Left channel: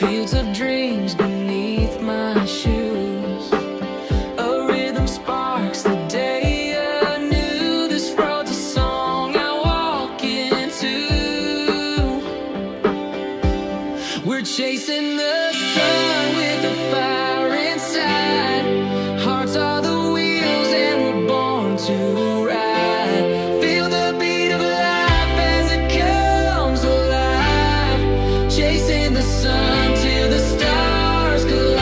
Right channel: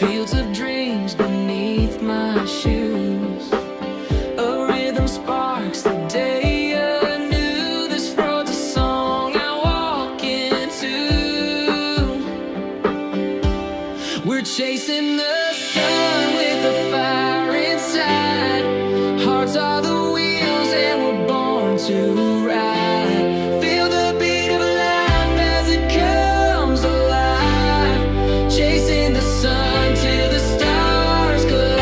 Fields of dreams beneath my shoes. A rhythm sparks the day anew. This road's a song I walk into. We're chasing the sun with the fire inside. Hearts are the wheels and we're born to ride. Feel the beat of life as it comes alive. Chasing the sun till the stars collide.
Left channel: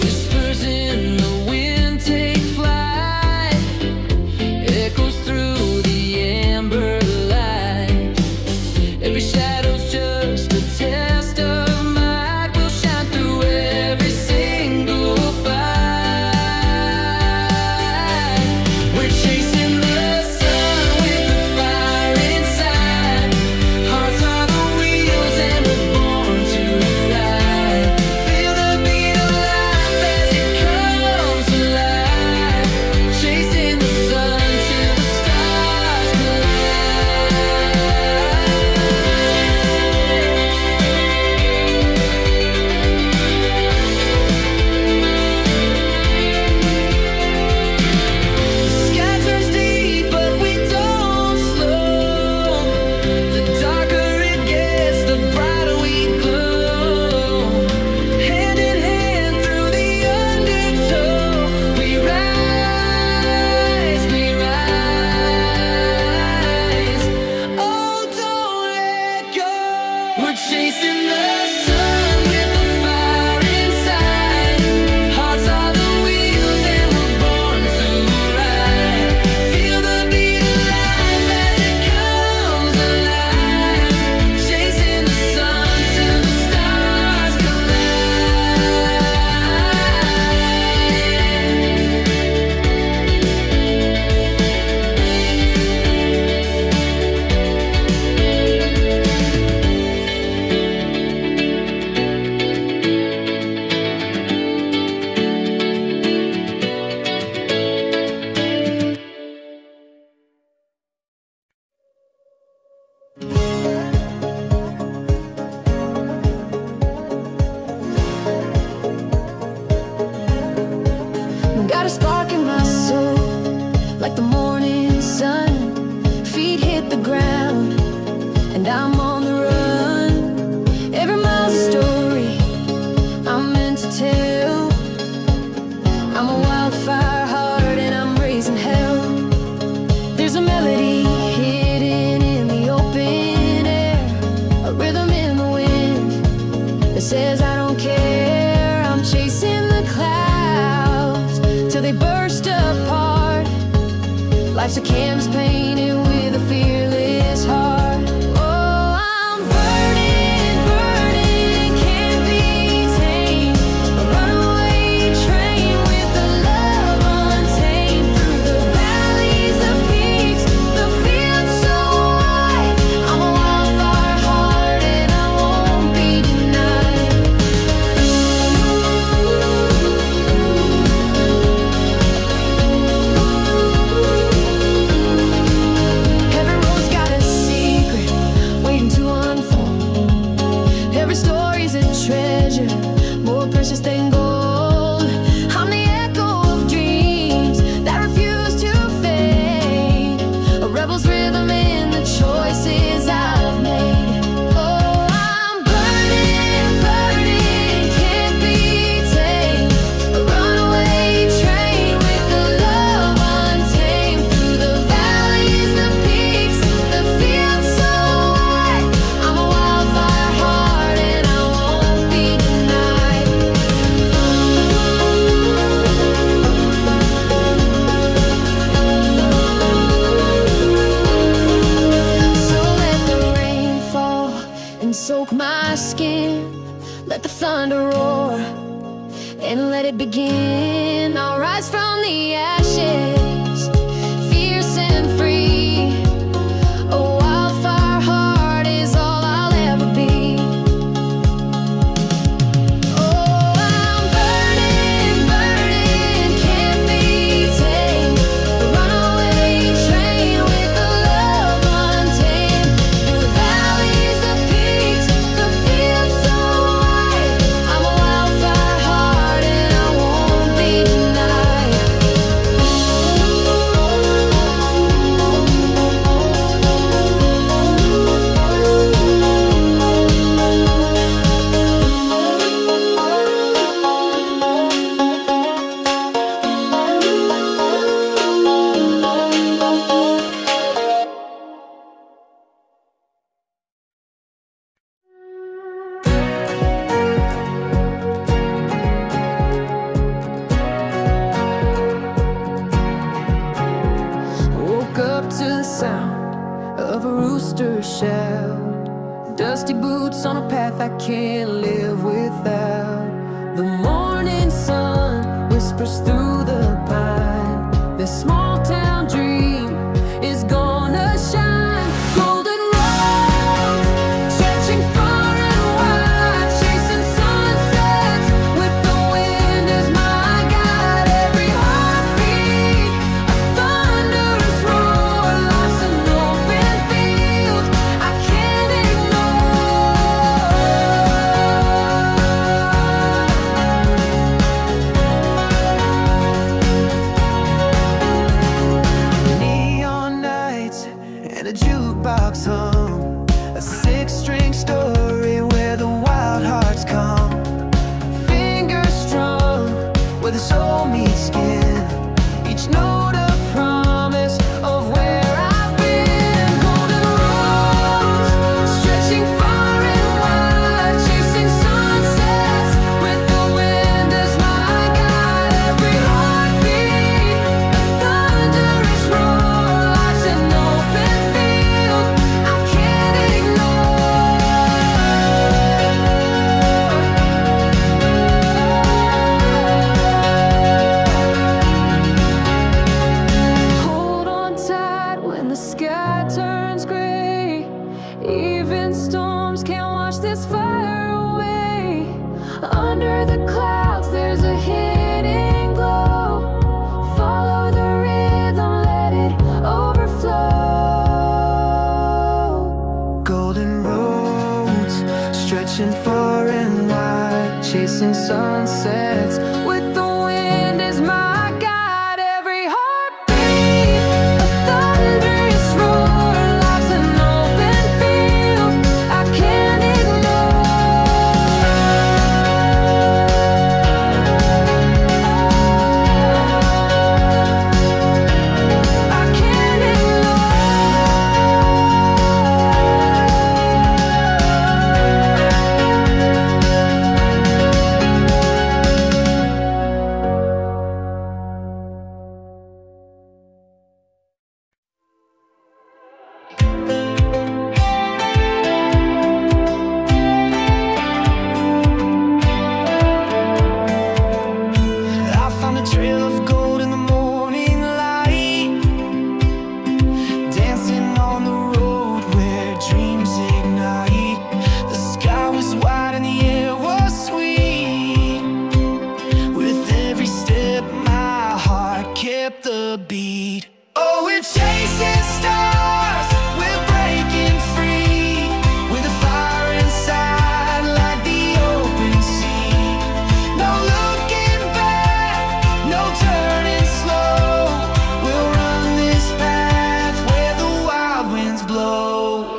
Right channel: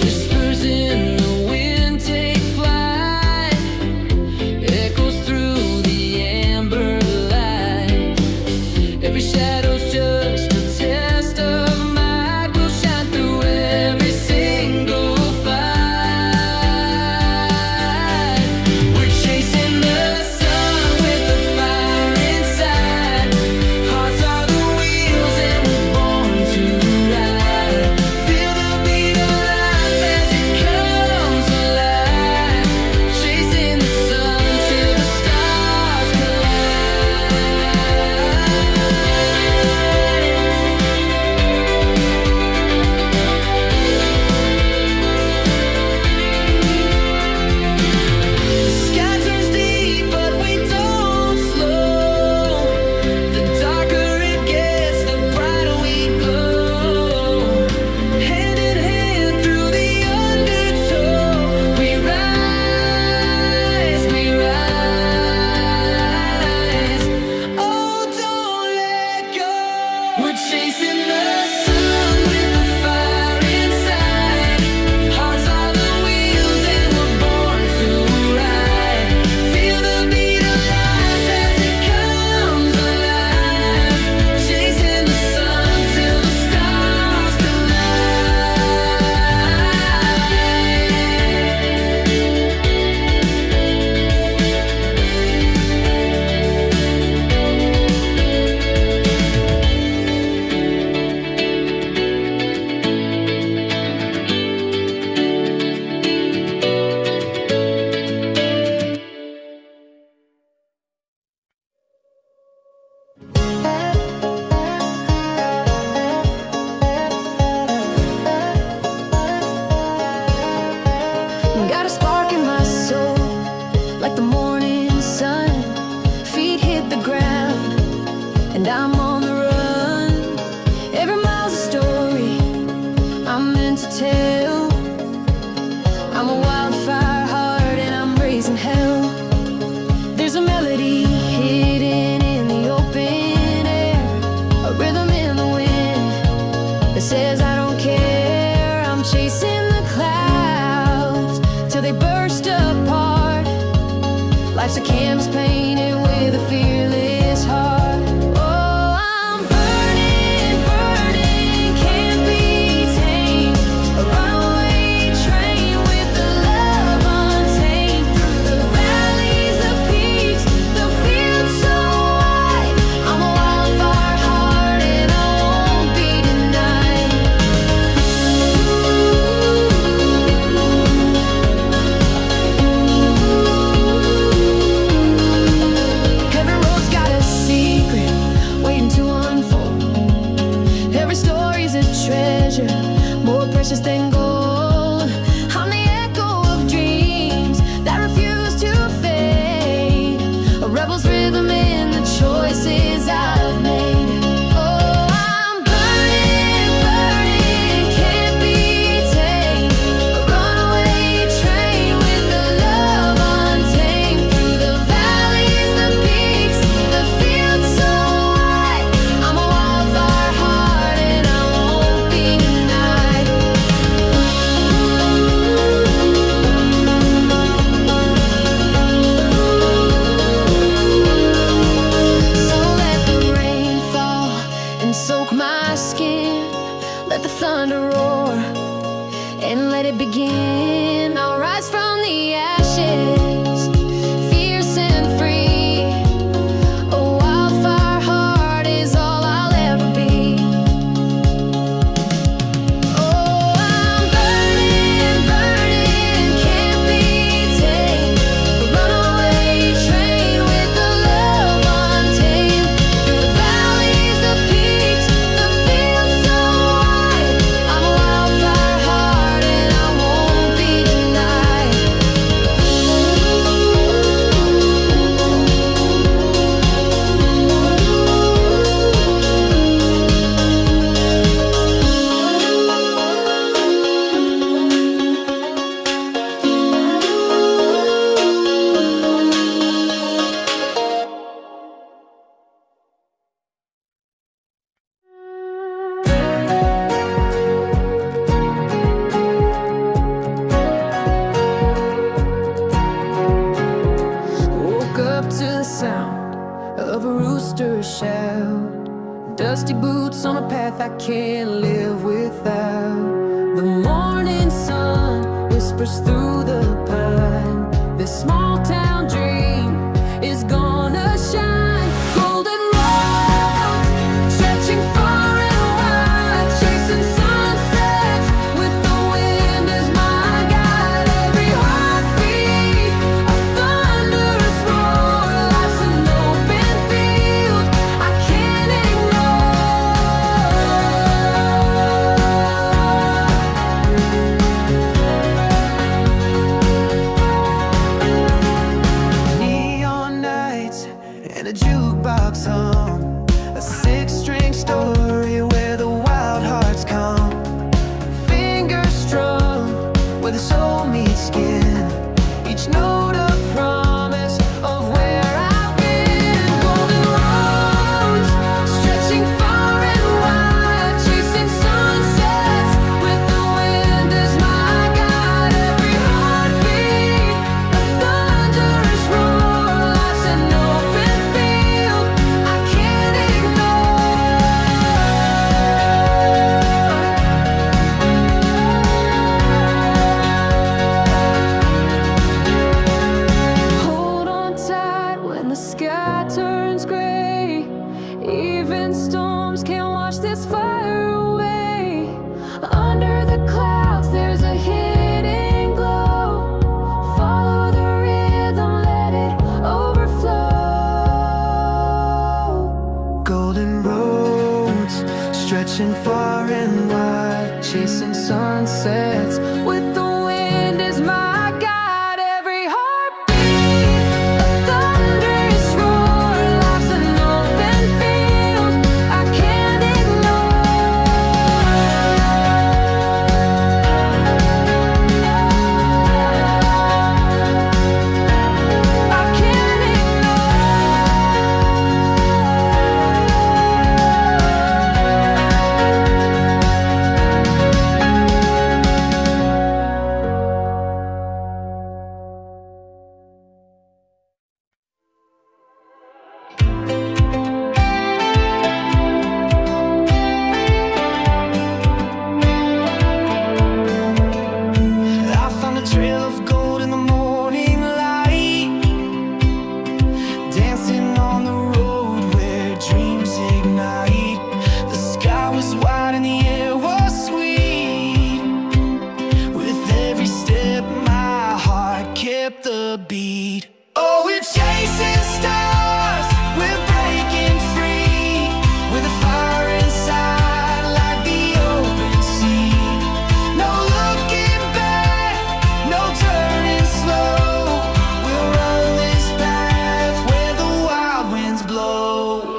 Whispers in the wind take flight. Echoes through the amber light. Every shadow's just a test of might. We'll shine through every single fight. We're chasing the sun with the fire inside. Hearts are the wheels and we're born to ride. Feel the beat of life as it comes alive. Chasing the sun till the stars collide. The sky turns deep, but we don't slow. The darker it gets, the brighter we glow. Hand in hand through the undertow, we rise, we rise. Oh, don't let go. We're chasing the sun with the fire inside. Hearts are the wheels and we're born to ride. Feel the beat of life as it comes alive. Chasing the sun till the stars Got a spark in my soul, like the morning sun. Feet hit the ground, and I'm on the run. Every mile's a story I'm meant to tell. I'm a wildfire heart and I'm raising hell. There's a melody hidden in the open air, a rhythm in the wind that says I don't care. I'm chasing the clouds till they burst apart. Life's a canvas painted with a fearless heart. Oh, I'm burning, burning, can't be tamed. A runaway train with the love untamed. Through the valleys, the peaks, the fields so wide. I'm a wildfire heart and I won't be denied. Every road's got a secret waiting to unfold. Every story's a treasure, more precious than gold. I'm the echo of dreams that refuse to fade, a rebel's rhythm in the choices I've made. Oh, I'm burning, burning, can't be tamed. A runaway train with the love untamed. Through the valleys, the peaks, the fields so wide. I'm a wildfire heart and I won't be denied. So let the rain fall and soak my skin. Let the thunder roar and let it begin. I'll rise from the ashes, fierce and free. A wildfire heart is all I'll ever be. Oh, I'm burning, burning. sound of a rooster shout. Dusty boots on a path I can't live without. The morning sun whispers through the pine. This small town dream is gonna shine. Golden roads stretching far and wide, chasing sunsets with the wind as my guide. Every heartbeat a thunderous roar. Life's an open field I can't ignore. Neon nights and a jukebox hum, a six-string story where the wild hearts come. Fingers strum where the soul meets skin, each note a promise of where I've been. Golden roads stretching far and wide, chasing sunsets with the wind as my guide. Every heartbeat a thunderous roar. Life's an open field I can't ignore. Hold on tight when the sky turns gray. Even storms can't wash this fire away. Under the clouds there's a hidden glow. Follow the rhythm, let it overflow. Golden roads stretching far and wide, chasing sunsets with the wind as my guide. Every heartbeat a thunderous roar. Life's an open field I can't ignore. I can't I found a trail of gold in the morning light, dancing on the road where dreams ignite. The sky was wide and the air was sweet. With every step my heart kept the beat. Oh, we're chasing stars, we're breaking free, with a fire inside like the open sea. No looking back, no turning slow. We'll run this path where the wild winds blow.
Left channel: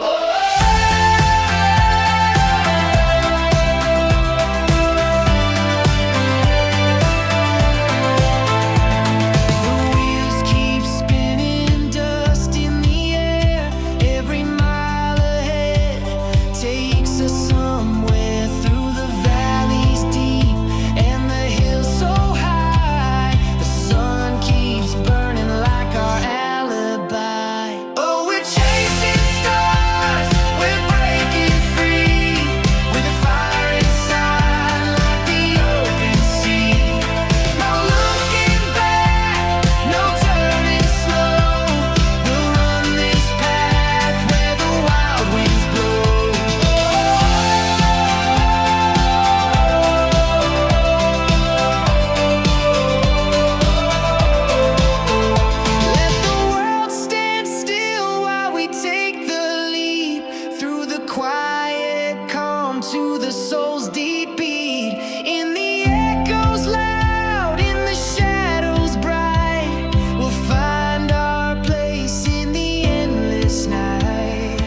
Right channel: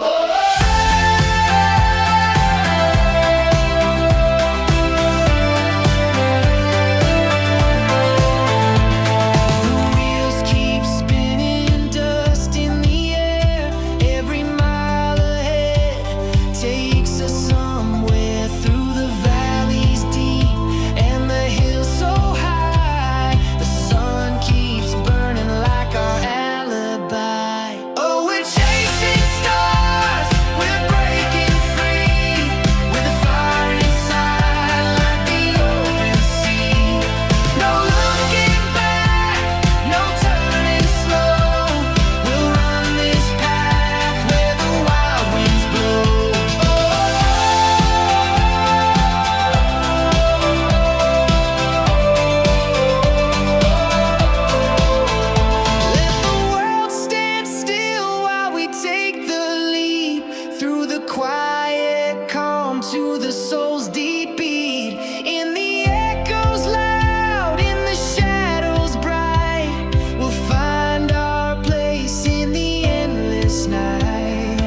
The wheels keep spinning, dust in the air. Every mile ahead takes us somewhere through the valleys deep and the hills so high. The sun keeps burning like our alibi. Oh, we're chasing stars, we're breaking free, with a fire inside like the open sea. No looking back, no turning slow. We'll run this path where the wild winds blow. Let the world stand still while we take the leap, through the quiet calm to the soul's deep beat. In the echoes loud, in the shadows bright, we'll find our place in the endless night.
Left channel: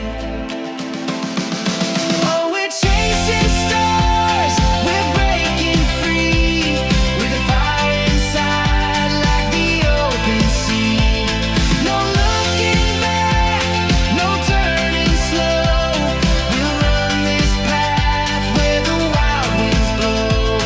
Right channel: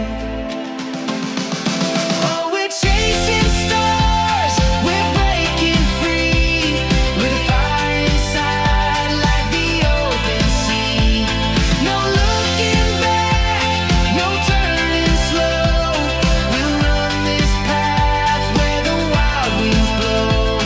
Oh, we're chasing stars, we're breaking free, with a fire inside like the open sea. No looking back, no turning slow. We'll run this path where the wild winds blow.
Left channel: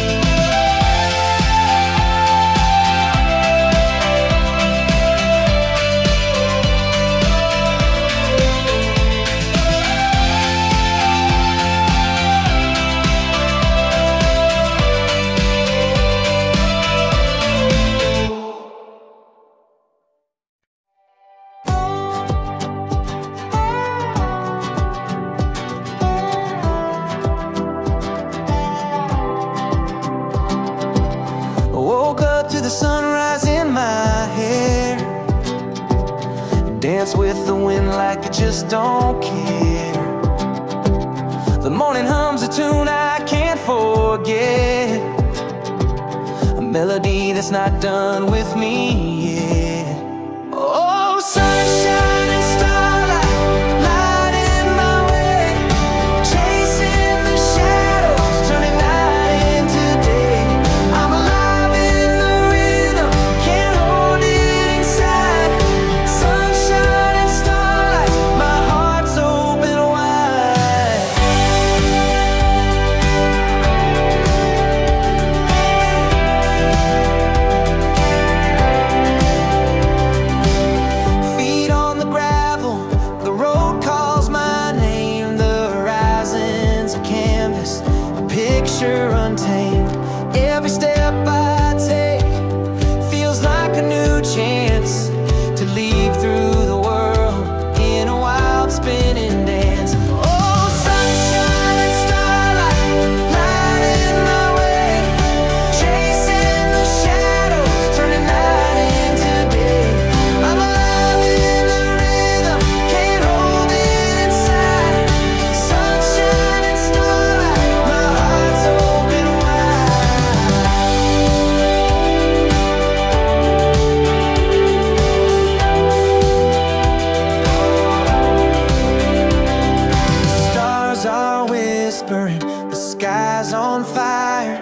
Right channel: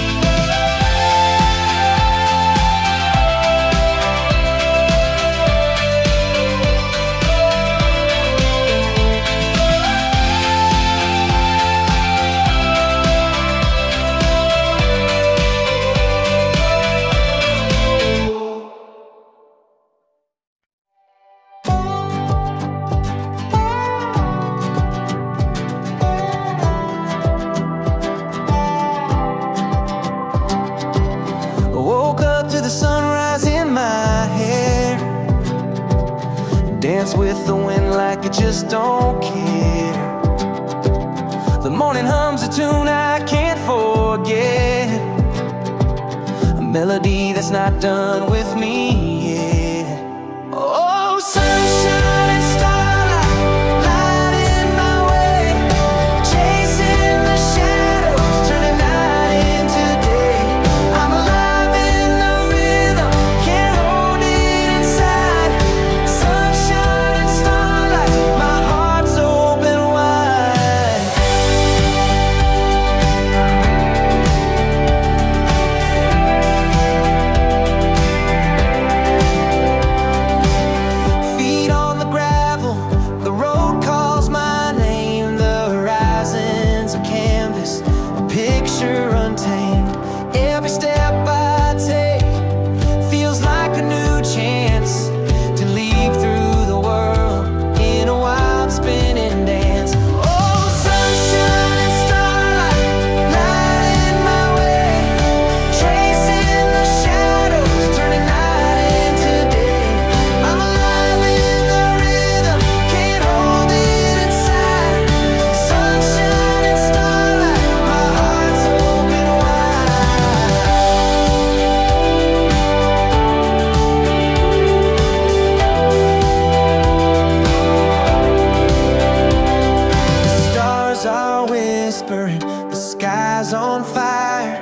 I woke up to the sunrise in my hair, dance with the wind like I just don't care. The morning hums a tune I can't forget, a melody that's not done with me yet. Oh, sunshine and starlight, lighting my way, chasing the shadows, turning night into day. I'm alive in the rhythm, can't hold it inside. Sunshine and starlight, my heart's open wide. Feet on the gravel, the road calls my name. The horizon's a canvas, a picture untamed. Every step I take feels like a new chance to leave through the world in a wild spinning dance. Oh, sunshine and starlight, lighting my way, chasing the shadows, turning night into day. I'm alive in the rhythm, can't hold it inside. Sunshine and starlight, my heart's open wide. The stars are whispering, the sky's on fire,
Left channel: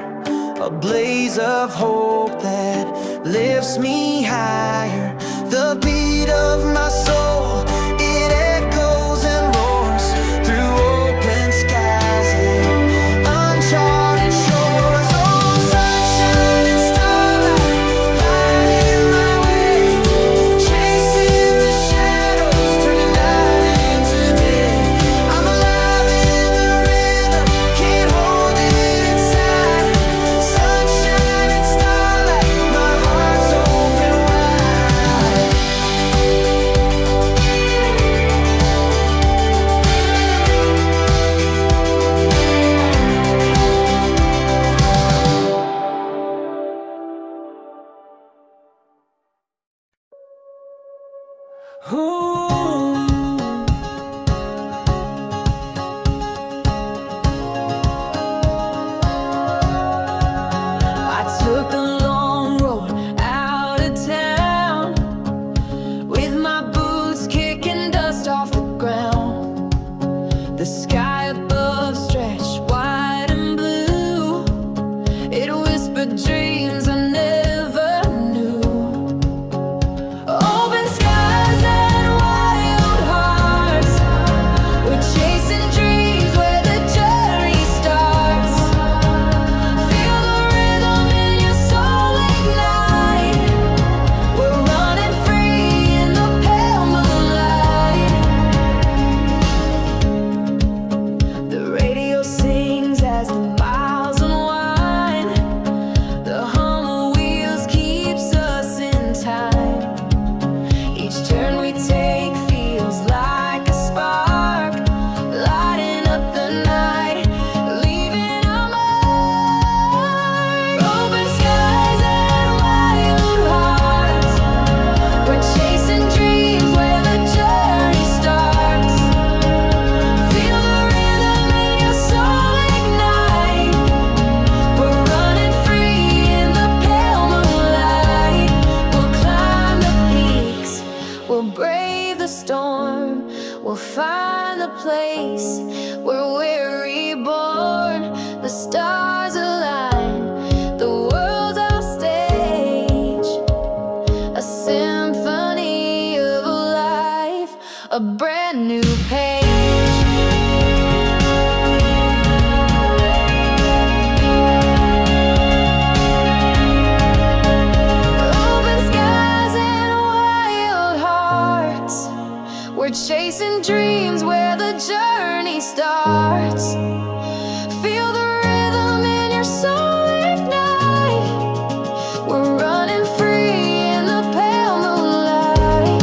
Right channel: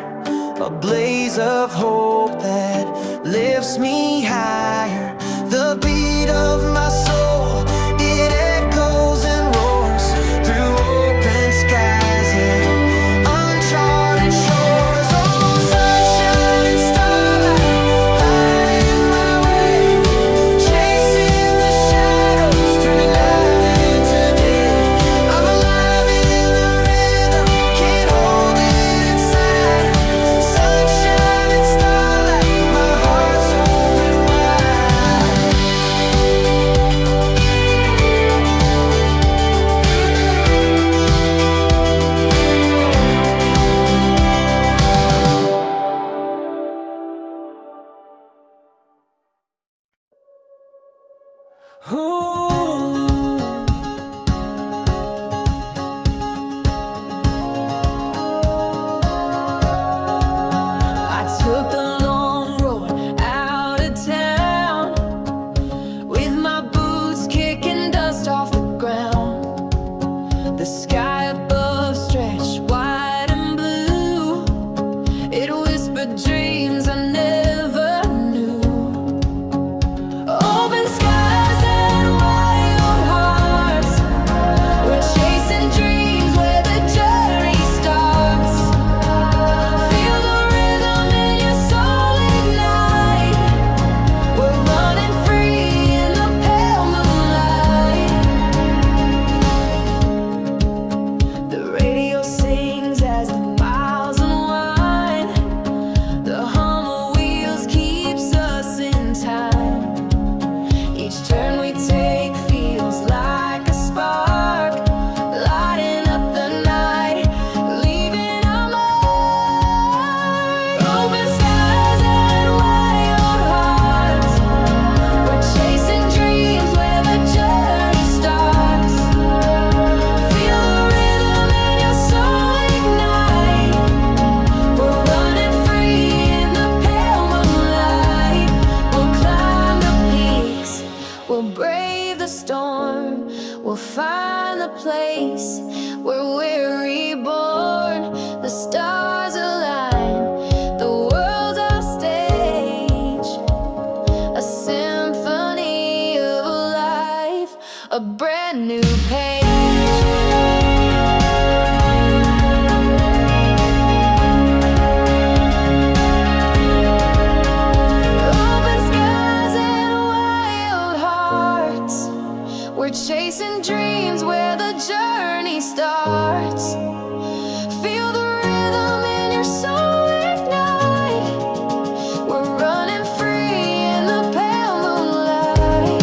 a blaze of hope that lifts me higher. The beat of my soul, it echoes and roars through open skies and uncharted shores. Oh, sunshine and starlight, lighting my way, chasing the shadows, turning night into day. I'm alive in the rhythm, can't hold it inside. Sunshine and starlight, my heart's open wide. Ooh. I took the long road out of town, with my boots kicking dust off the ground. The sky above stretched wide and blue, it whispered dreams I never knew. Open skies and wild hearts, we're chasing dreams where the journey starts. Feel the rhythm in your soul ignite, we're running free in the pale moonlight. The radio sings as the miles unwind, the hum of wheels keeps us in time. Each turn we take feels like a spark, lighting up the night, leaving a mark. Open skies and wild hearts, we're chasing dreams where the journey starts. Feel the rhythm in your soul ignite, we're running free in the pale moonlight. We'll climb the peaks, we'll brave the storm, we'll find the place where we're reborn. The stars align, the world's our stage, a symphony of life, a brand new page. Open skies and wild hearts, we're chasing dreams where the journey starts. Feel the rhythm in your soul ignite, we're running free in the pale moonlight.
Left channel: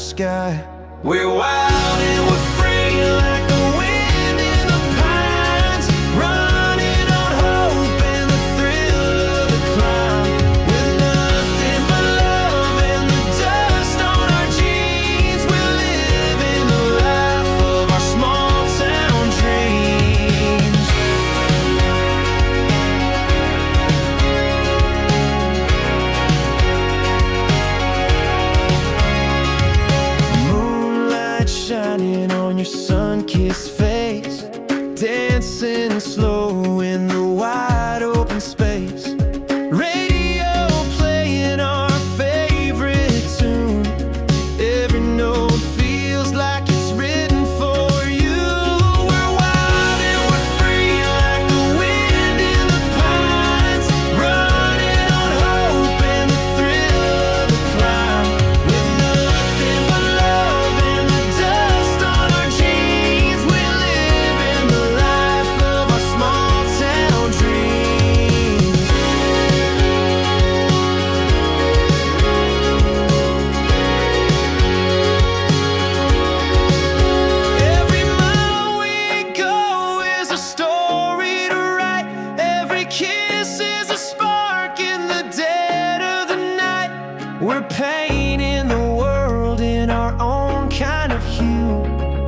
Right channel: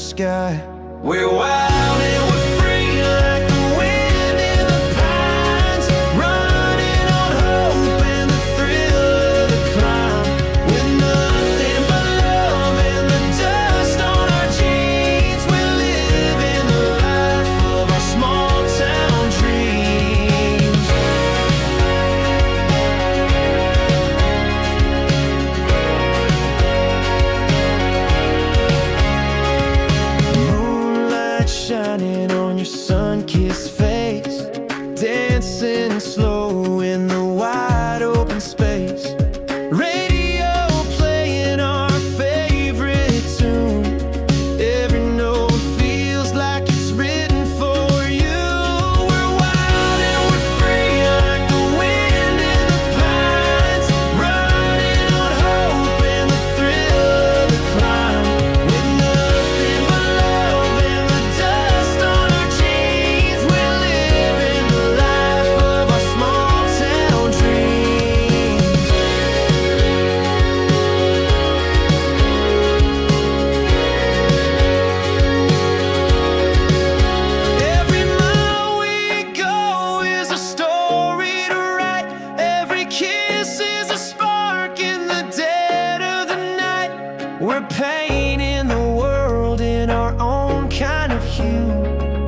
sky. We're wild and we're free like the wind in the pines, running on hope and the thrill of the climb. With nothing but love and the dust on our jeans, we're living the life of our small town dreams. Moonlight shining on your sun-kissed face, dancing slow in the wide open space. Radio playing our favorite tune. Every note feels like it's written for you. We're wild and we're free like the wind in the pines, running on hope and the thrill of the climb. With nothing but love and the dust on our jeans, we're living the life of our small town dreams. Every mile we go is a story to write. Every kiss is a spark in the dead of the night. We're painting the world in our own kind of hue.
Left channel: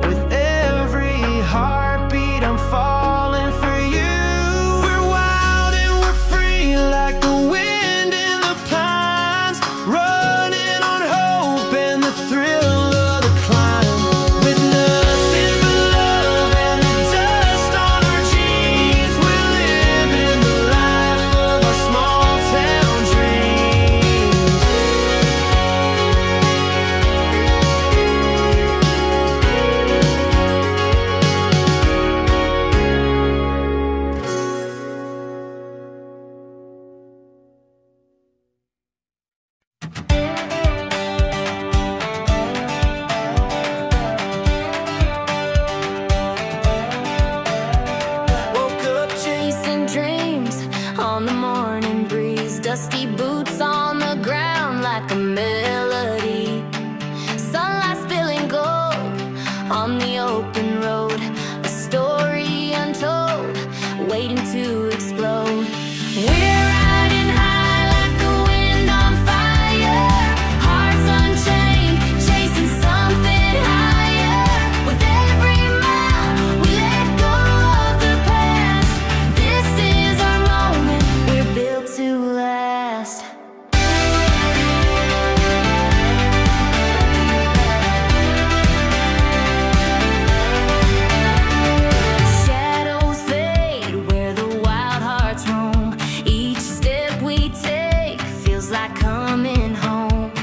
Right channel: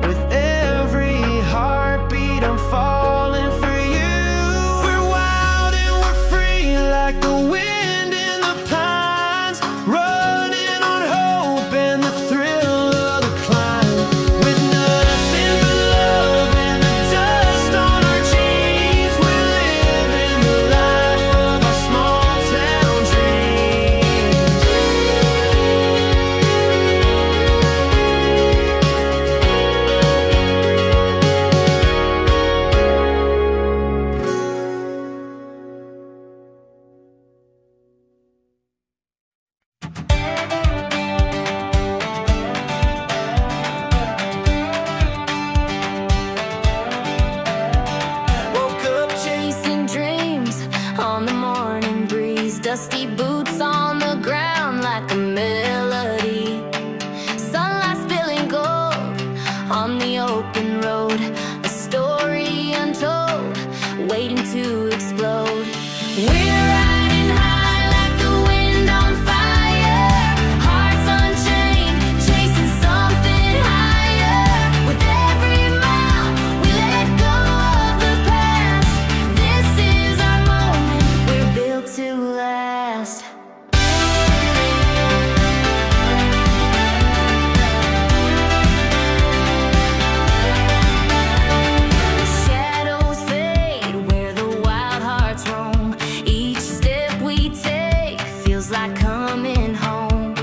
With every heartbeat I'm falling for you. We're wild and we're free like the wind in the pines, running on hope and the thrill of the climb. With nothing but love and the dust on our jeans, we're living the life of our small town dreams. Woke up Chasing dreams on the morning breeze, dusty boots on the ground like a melody. Sunlight spilling gold on the open road, a story untold, waiting to explode. We're riding high like the wind on fire, hearts unchained, chasing something higher. With every mile we let go of the past, this is our moment, we're built to last. Shadows fade where the wild hearts roam. Each step we take feels like coming home.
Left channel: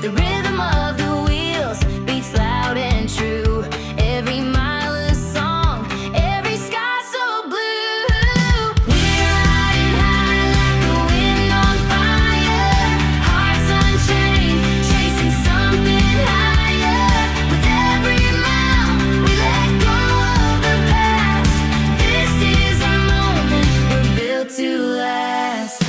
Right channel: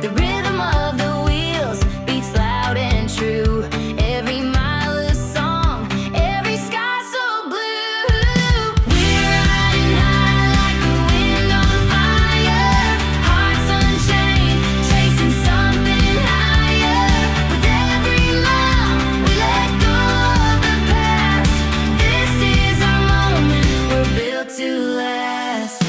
The rhythm of the wheels beats loud and true. Every mile a song, every sky so blue. We're riding high like the wind on fire, hearts unchained, chasing something higher. With every mile we let go of the past, this is our moment, we're built to last.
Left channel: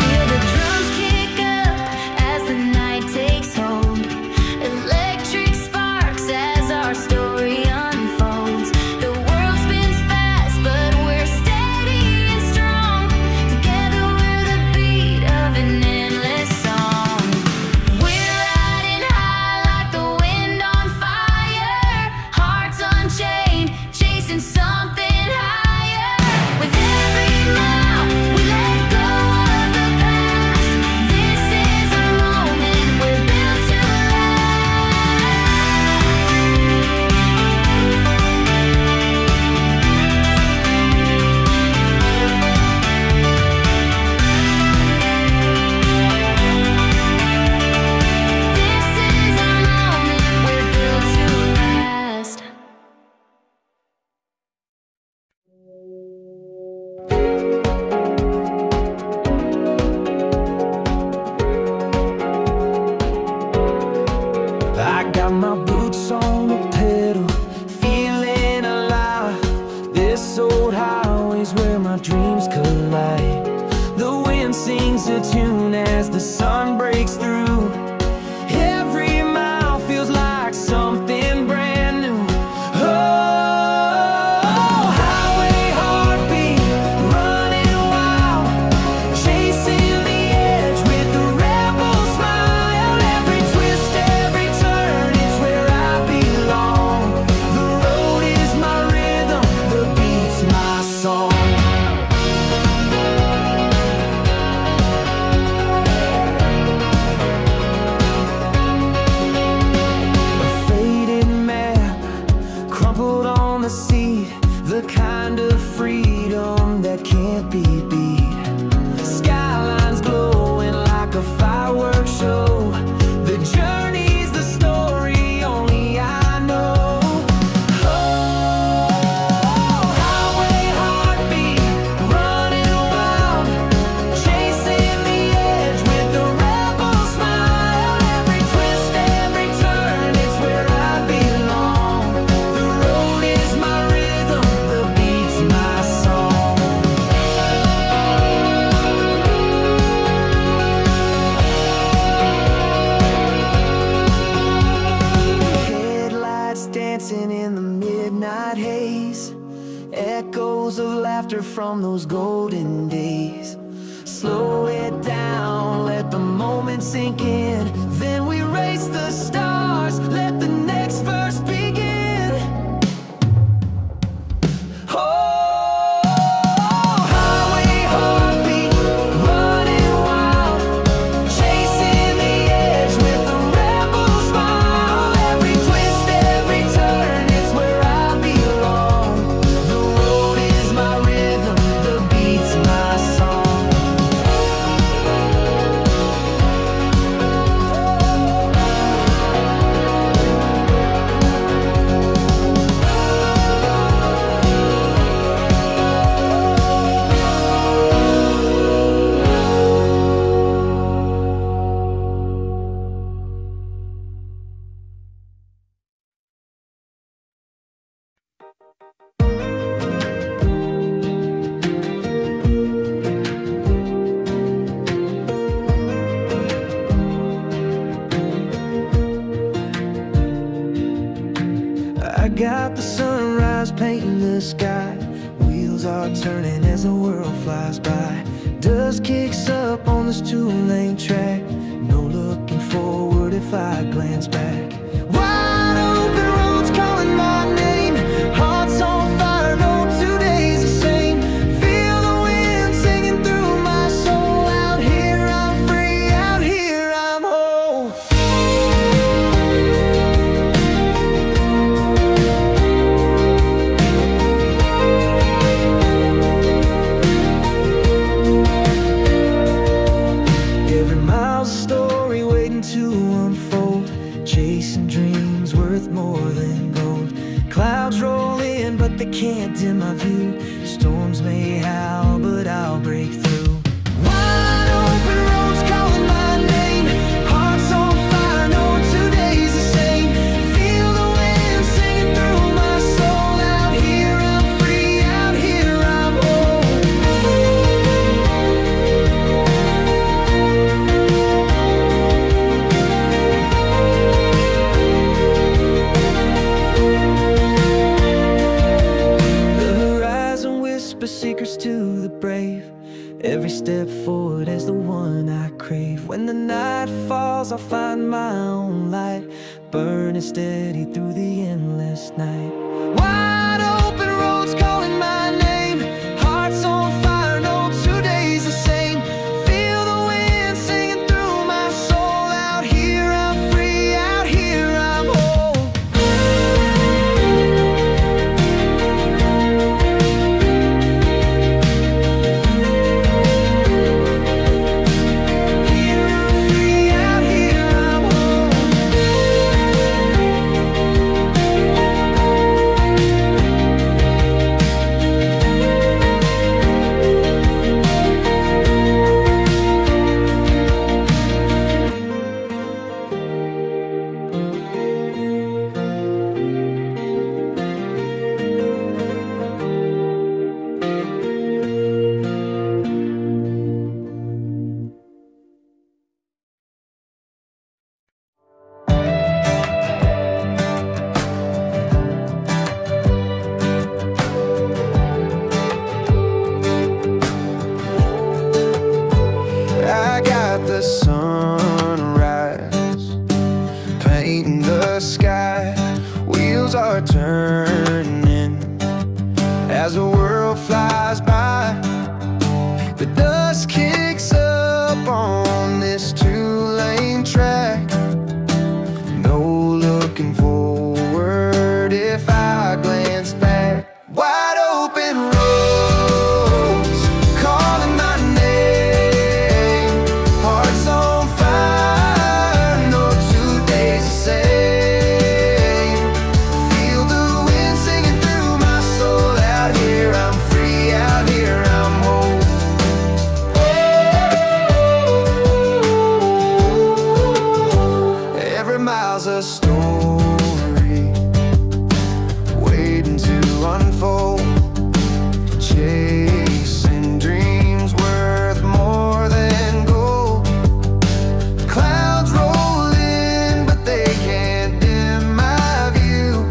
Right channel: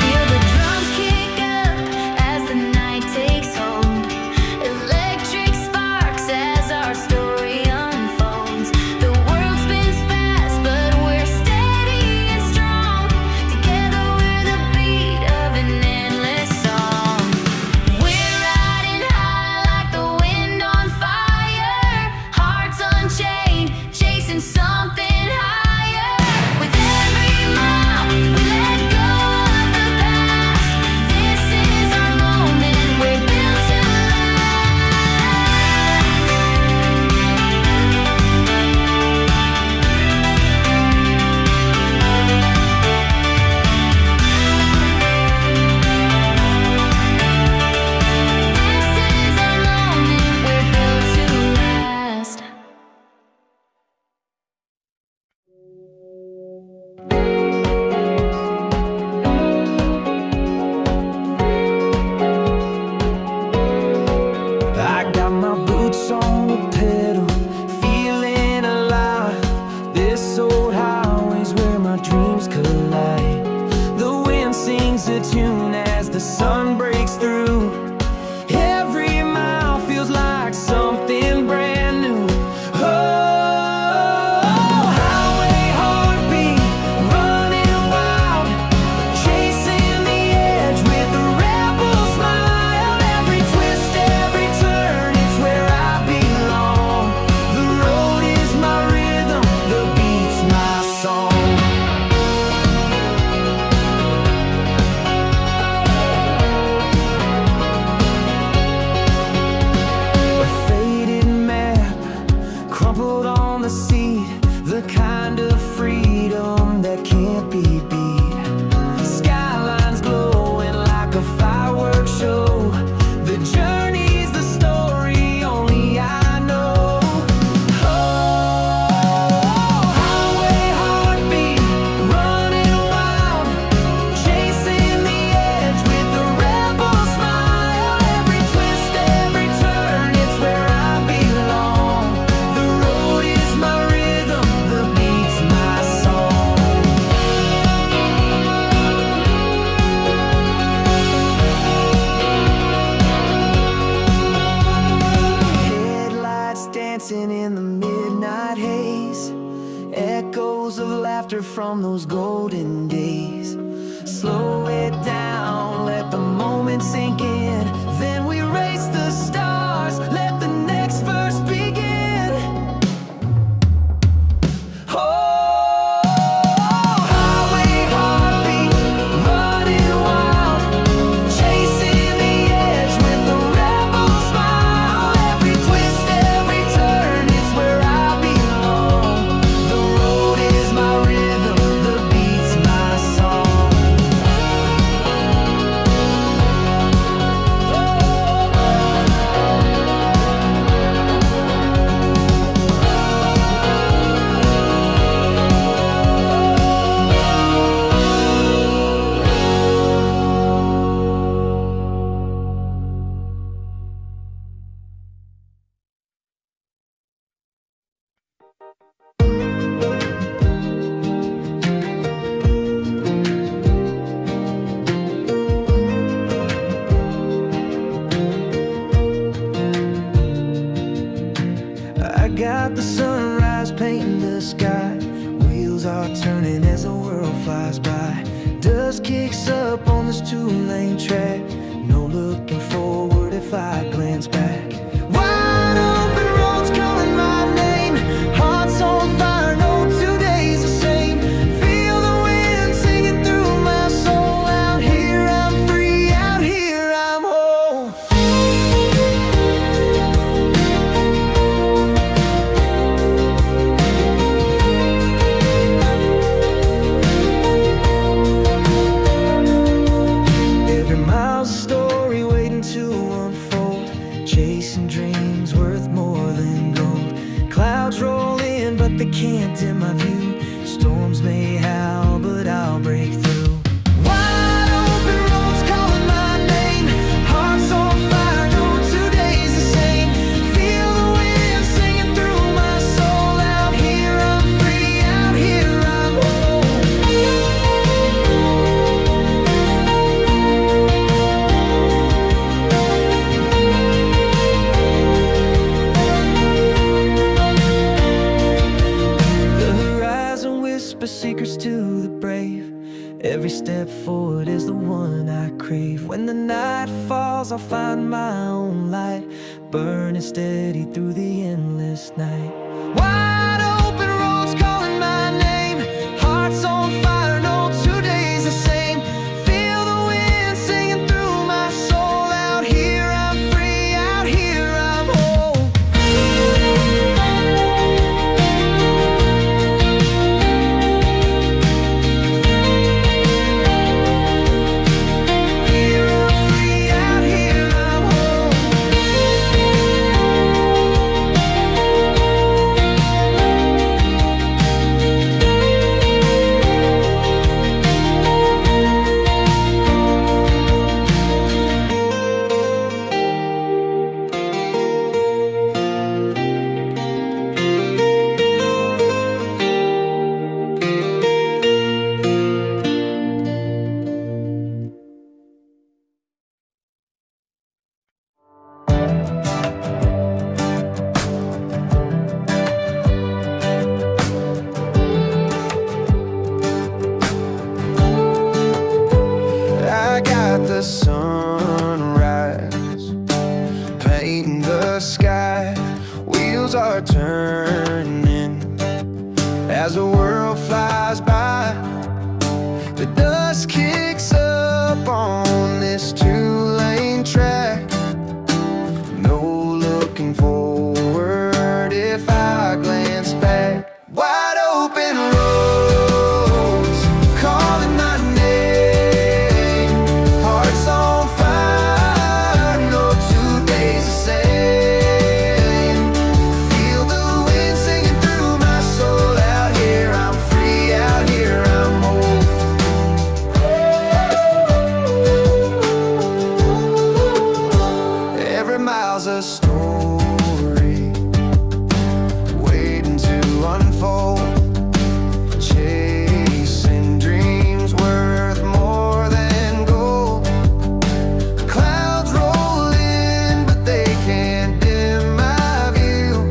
Feel the drums kick up as the night takes hold. Electric sparks as our story unfolds. The world spins fast, but we're steady and our dreams collide. The wind sings a tune as the sun breaks through. Every mile feels like something brand new. Oh, highway heartbeat, running wild, chasing the edge with a rebel smile. Every twist, every turn, it's where I belong. The road is my rhythm, the beat's my song. Crumpled on the seat, the kind of freedom that can't be beat. Skylines glowing like a fireworks show. The journey's the story only I know. Oh, highway heartbeat, running wild, chasing the edge with a rebel smile. Every twist, every turn, it's where I belong. The road is my rhythm, the beat's my song. Headlights dancing in the midnight haze, echoes of laughter from those golden days. Slow it down, let the moment sink in. Then we race the stars, let the next verse begin. Oh, highway heartbeat, running wild, chasing the edge with a rebel smile. Every twist, every turn, it's where I belong. The road is my rhythm, the beat's my song. I got the sunrise painting the sky. Wheels are turning as the world flies by. Dust kicks up on this two-lane track. No looking forward if I glance back. Wide open roads calling my name. Hearts on fire, no 2 days the same. Feel the wind singing through my soul. Out here I'm free, out here I'm whole. Every mile's a story waiting to unfold. Chasing dreams worth more than gold. Clouds roll in, but they can't dim my view. Storms may howl, but I'll break through. Wide open roads calling my name. Hearts on fire, no 2 days the same. Feel the wind singing through my soul. Out here I'm free, out here I'm whole. The horizon whispers secrets to the brave. Every step forward is the one I crave. When the night falls, I'll find my own light, burning steady through the endless night. Wide open roads calling my name. Hearts on fire, no 2 days the same. Feel the wind singing through my soul. Out here I'm free, out here I'm whole. Here I'm free, out here I'm whole. I got the sunrise painting the sky. Wheels are turning as the world flies by. The dust kicks up on this two-lane track. No looking forward if I glance back. Wide open roads calling my name. Hearts on fire, no 2 days the same. Feel the wind singing through my soul. Out here I'm free, out here I'm whole. Every mile's a story waiting to unfold. Chasing dreams worth more than gold. Clouds roll in, but they can't dim my view.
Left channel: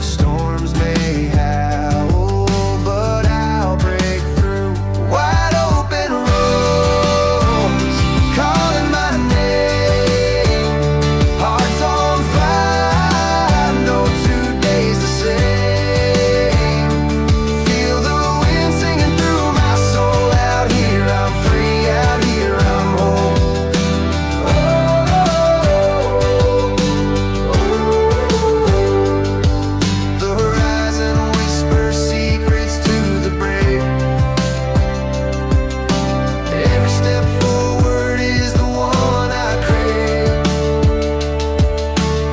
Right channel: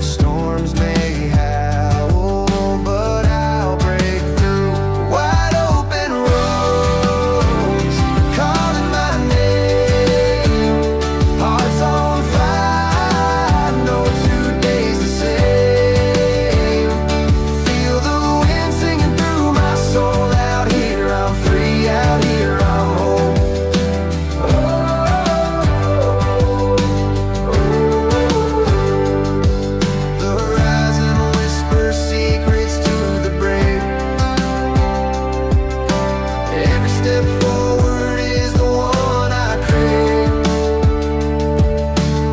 Storms may howl, but I'll break through. Wide open roads calling my name. Hearts on fire, no 2 days the same. Feel the wind singing through my soul. Out here I'm free, out here I'm whole. The horizon whispers secrets to the brave. Every step forward is the one I crave.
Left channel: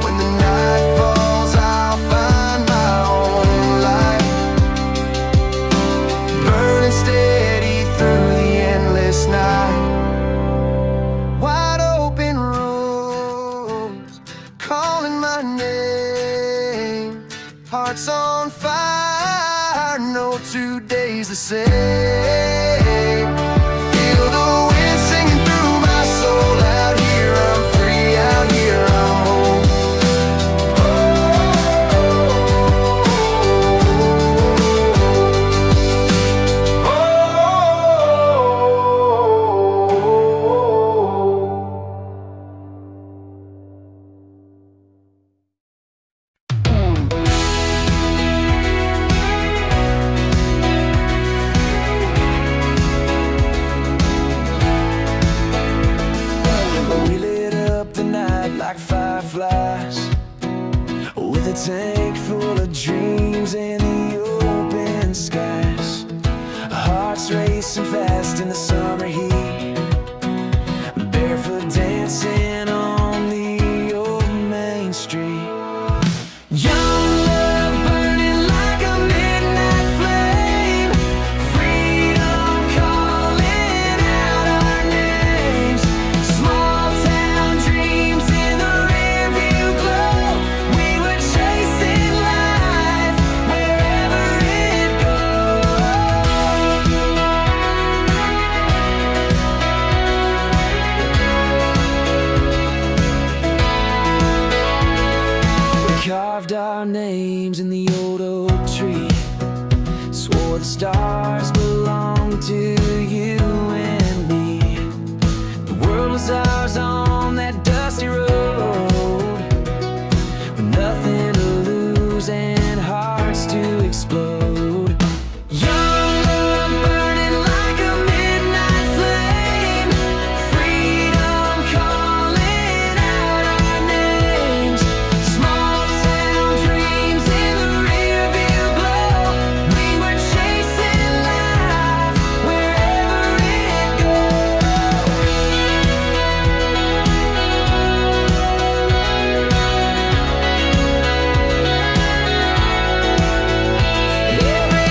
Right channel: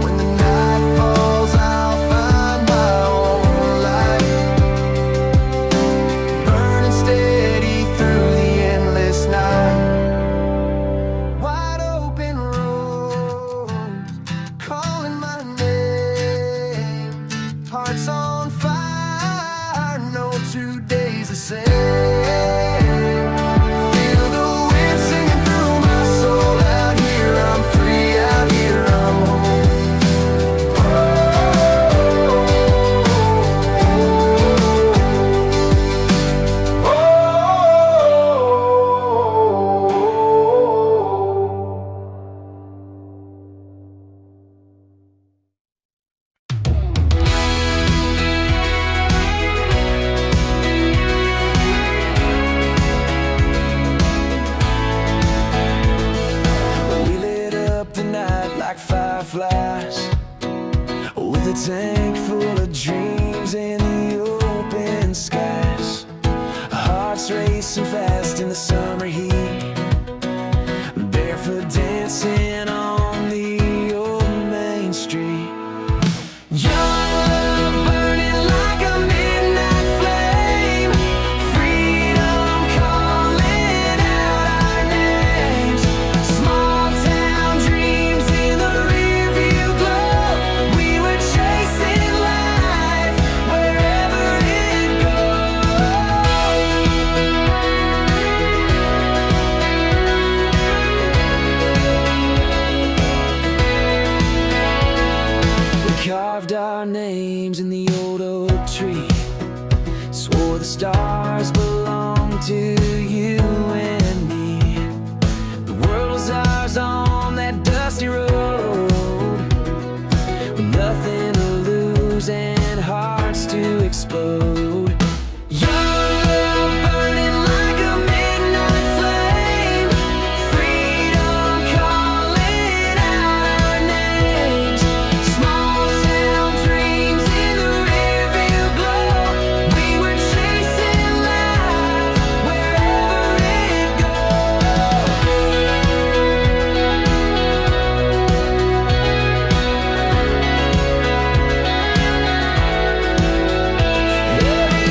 When the night falls, I'll find my own light, burning steady through the endless night. Wide open roads calling my name. Hearts on fire, no 2 days the same. Feel the wind singing through my soul. Out here I'm free, out here I'm whole. We lit up the night like fireflies, with a tank full of dreams in the open skies. Hearts racing fast in the summer heat, barefoot dancing on the old main street. Young love burning like a midnight flame. Freedom calling out our names. Small town dreams in the rearview glow. We were chasing life wherever it goes. We carved our names in the old oak tree, swore the stars belonged to you and me. The world was ours on that dusty road, with nothing to lose and hearts to explode. Young love burning like a midnight flame. Freedom calling out our names. Small town dreams in the rearview glow. We were chasing life wherever it goes. Every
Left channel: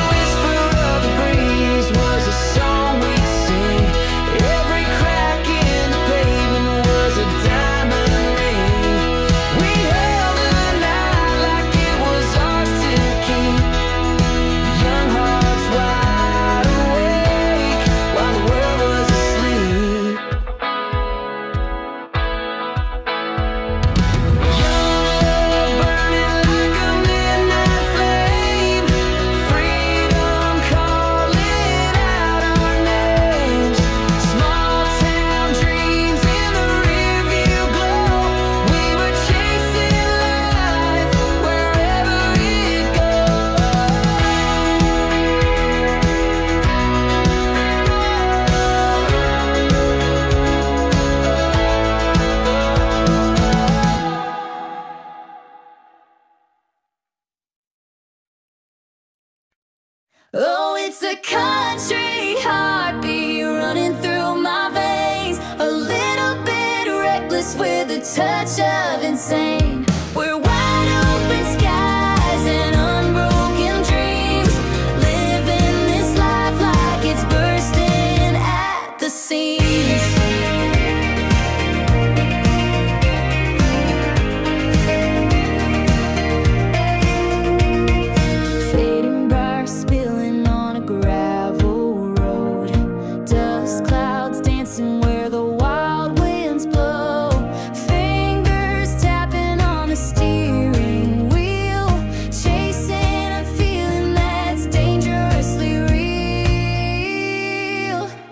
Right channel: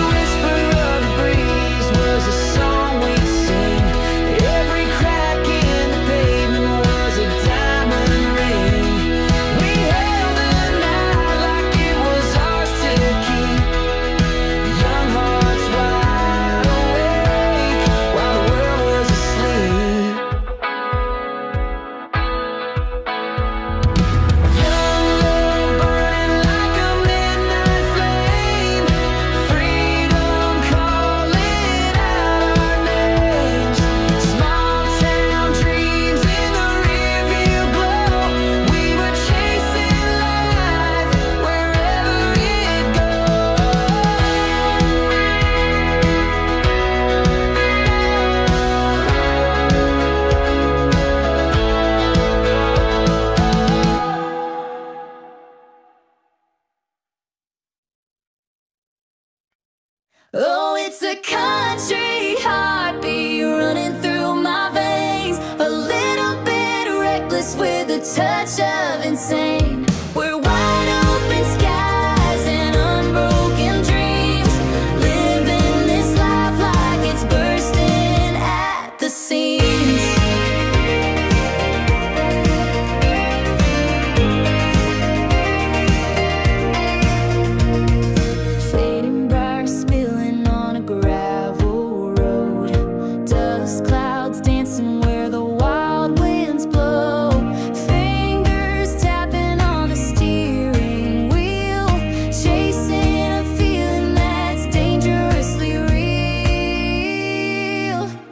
Oh, it's a country heartbeat running through my veins, a little bit reckless with a touch of insane. We're wide open skies and unbroken dreams, living this life like it's bursting at the seams. Fading bright, spilling on a gravel road, dust clouds dancing where the wild winds blow, fingers tapping on the steering wheel, chasing a feeling that's dangerously real.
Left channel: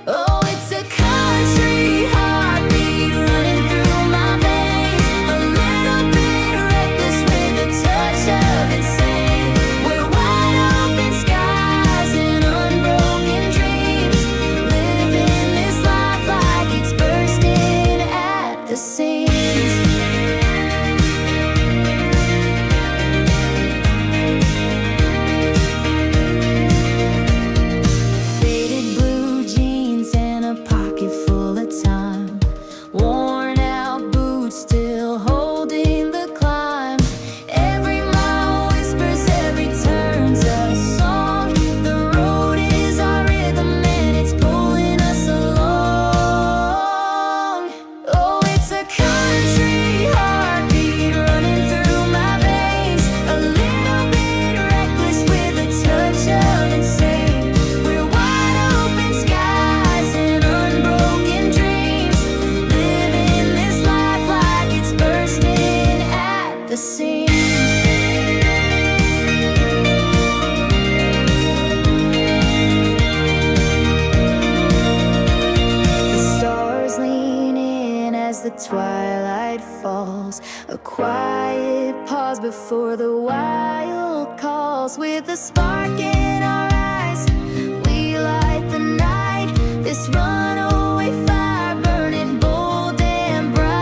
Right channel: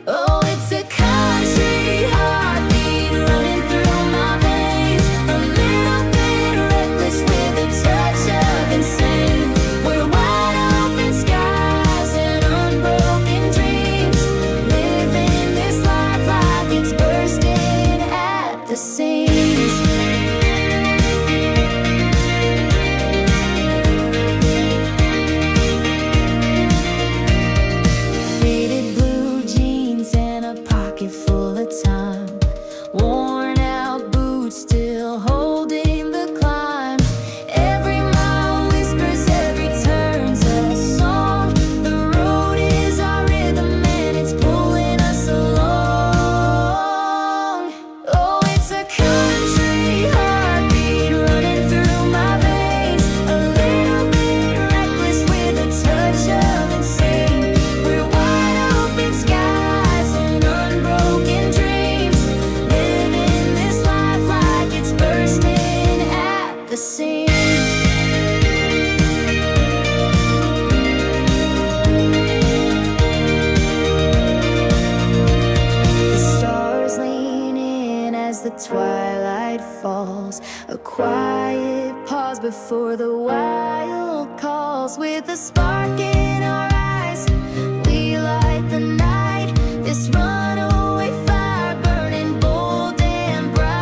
Oh, it's a country heartbeat running through my veins, a little bit reckless with a touch of insane. We're wide open skies and unbroken dreams, living this life like it's bursting at the seams. Faded blue jeans and a pocket full of time, worn out boots still holding the climb. Every mile whispers, every turn's a song. The road is our rhythm and it's pulling us along. Oh, it's a country heartbeat running through my veins, a little bit reckless with a touch of insane. We're wide open skies and unbroken dreams, living this life like it's bursting at the seams. The stars lean in as the twilight falls, a quiet pause before the wild calls. With a spark in our eyes, we light the night, this runaway fire burning bold and bright.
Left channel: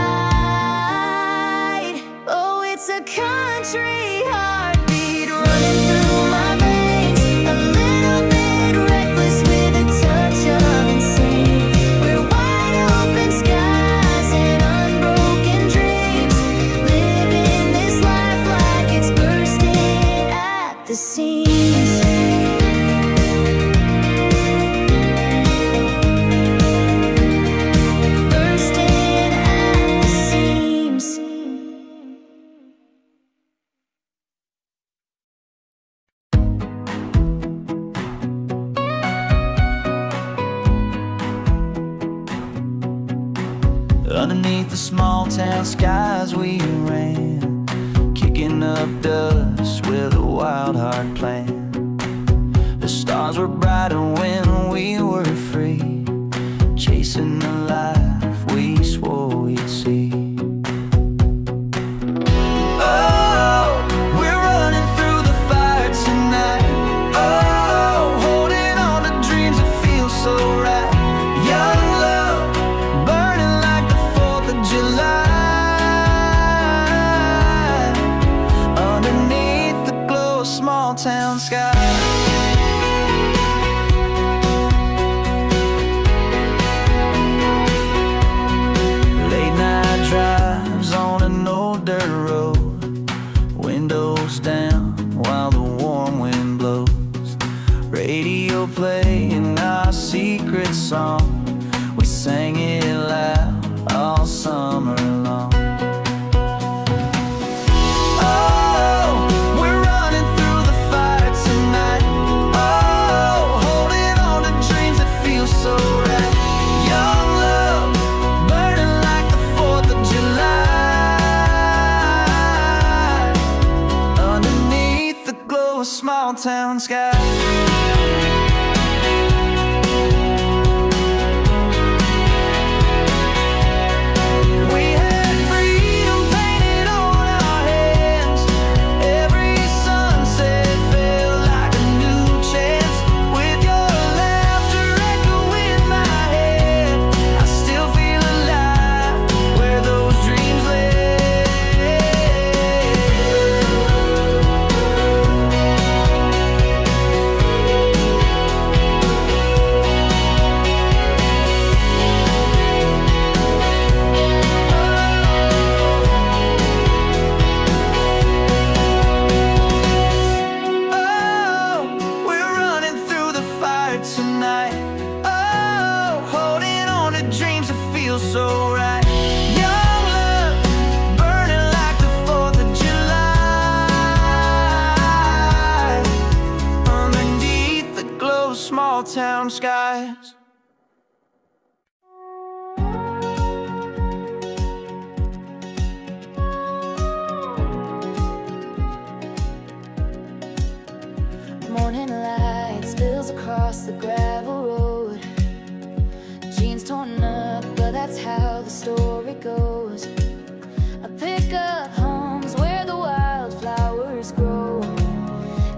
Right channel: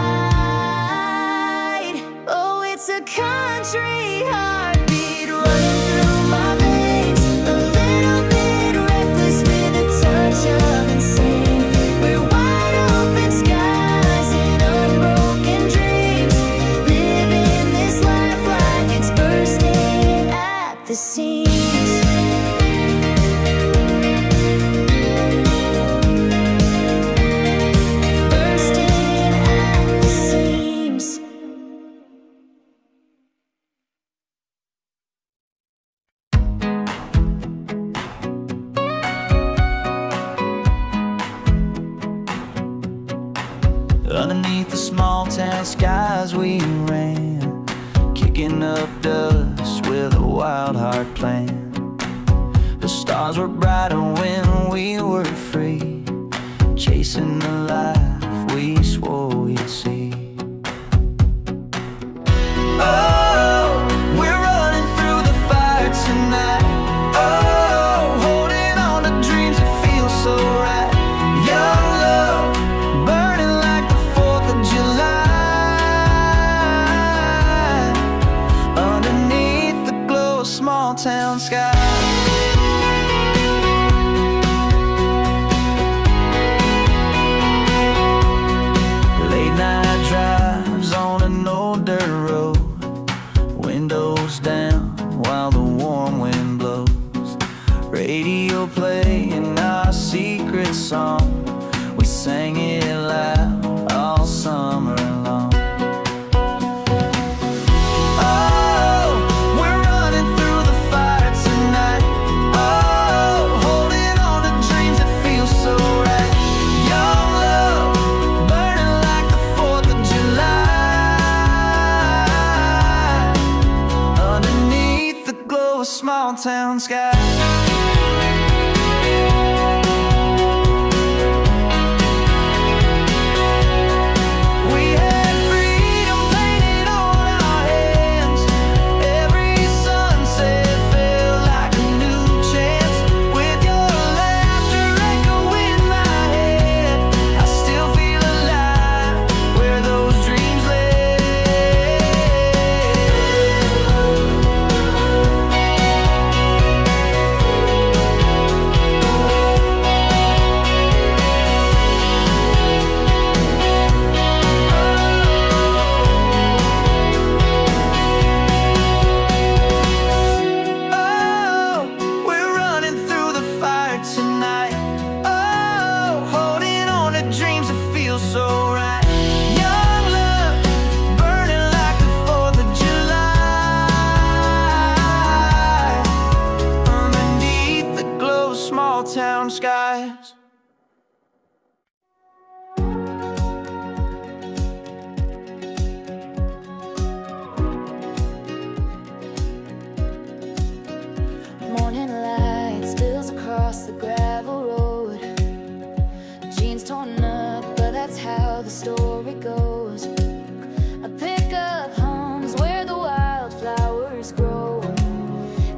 Oh, it's a country heartbeat running through my veins, a little bit reckless with a touch of insane. We're wide open skies and unbroken dreams, living this life like it's bursting at the seams. Bursting at the seams. Underneath the small town skies we ran, kicking up dust with a wild heart plan. The stars were brighter when we were free, chasing the life we swore we'd see. Oh, we're running through the fire tonight. Oh, holding on to dreams that feel so right. Young love, burning like the 4th of July, underneath the glow of small town skies. Late night drives on an old dirt road, windows down while the warm wind blows. Radio playing our secret song, we sang it loud all summer long. Oh, we're running through the fire tonight. Oh, holding on to dreams that feel so right. Young love, burning like the 4th of July, underneath the glow of small town skies. We had free heart tonight. Oh, holding on to dreams that feel so right. Young love, burning like the 4th of July, underneath the glow of small town skies. Morning light spills across the gravel road. Jeans torn up, but that's how the story goes. A pickup hums where the wildflowers grow.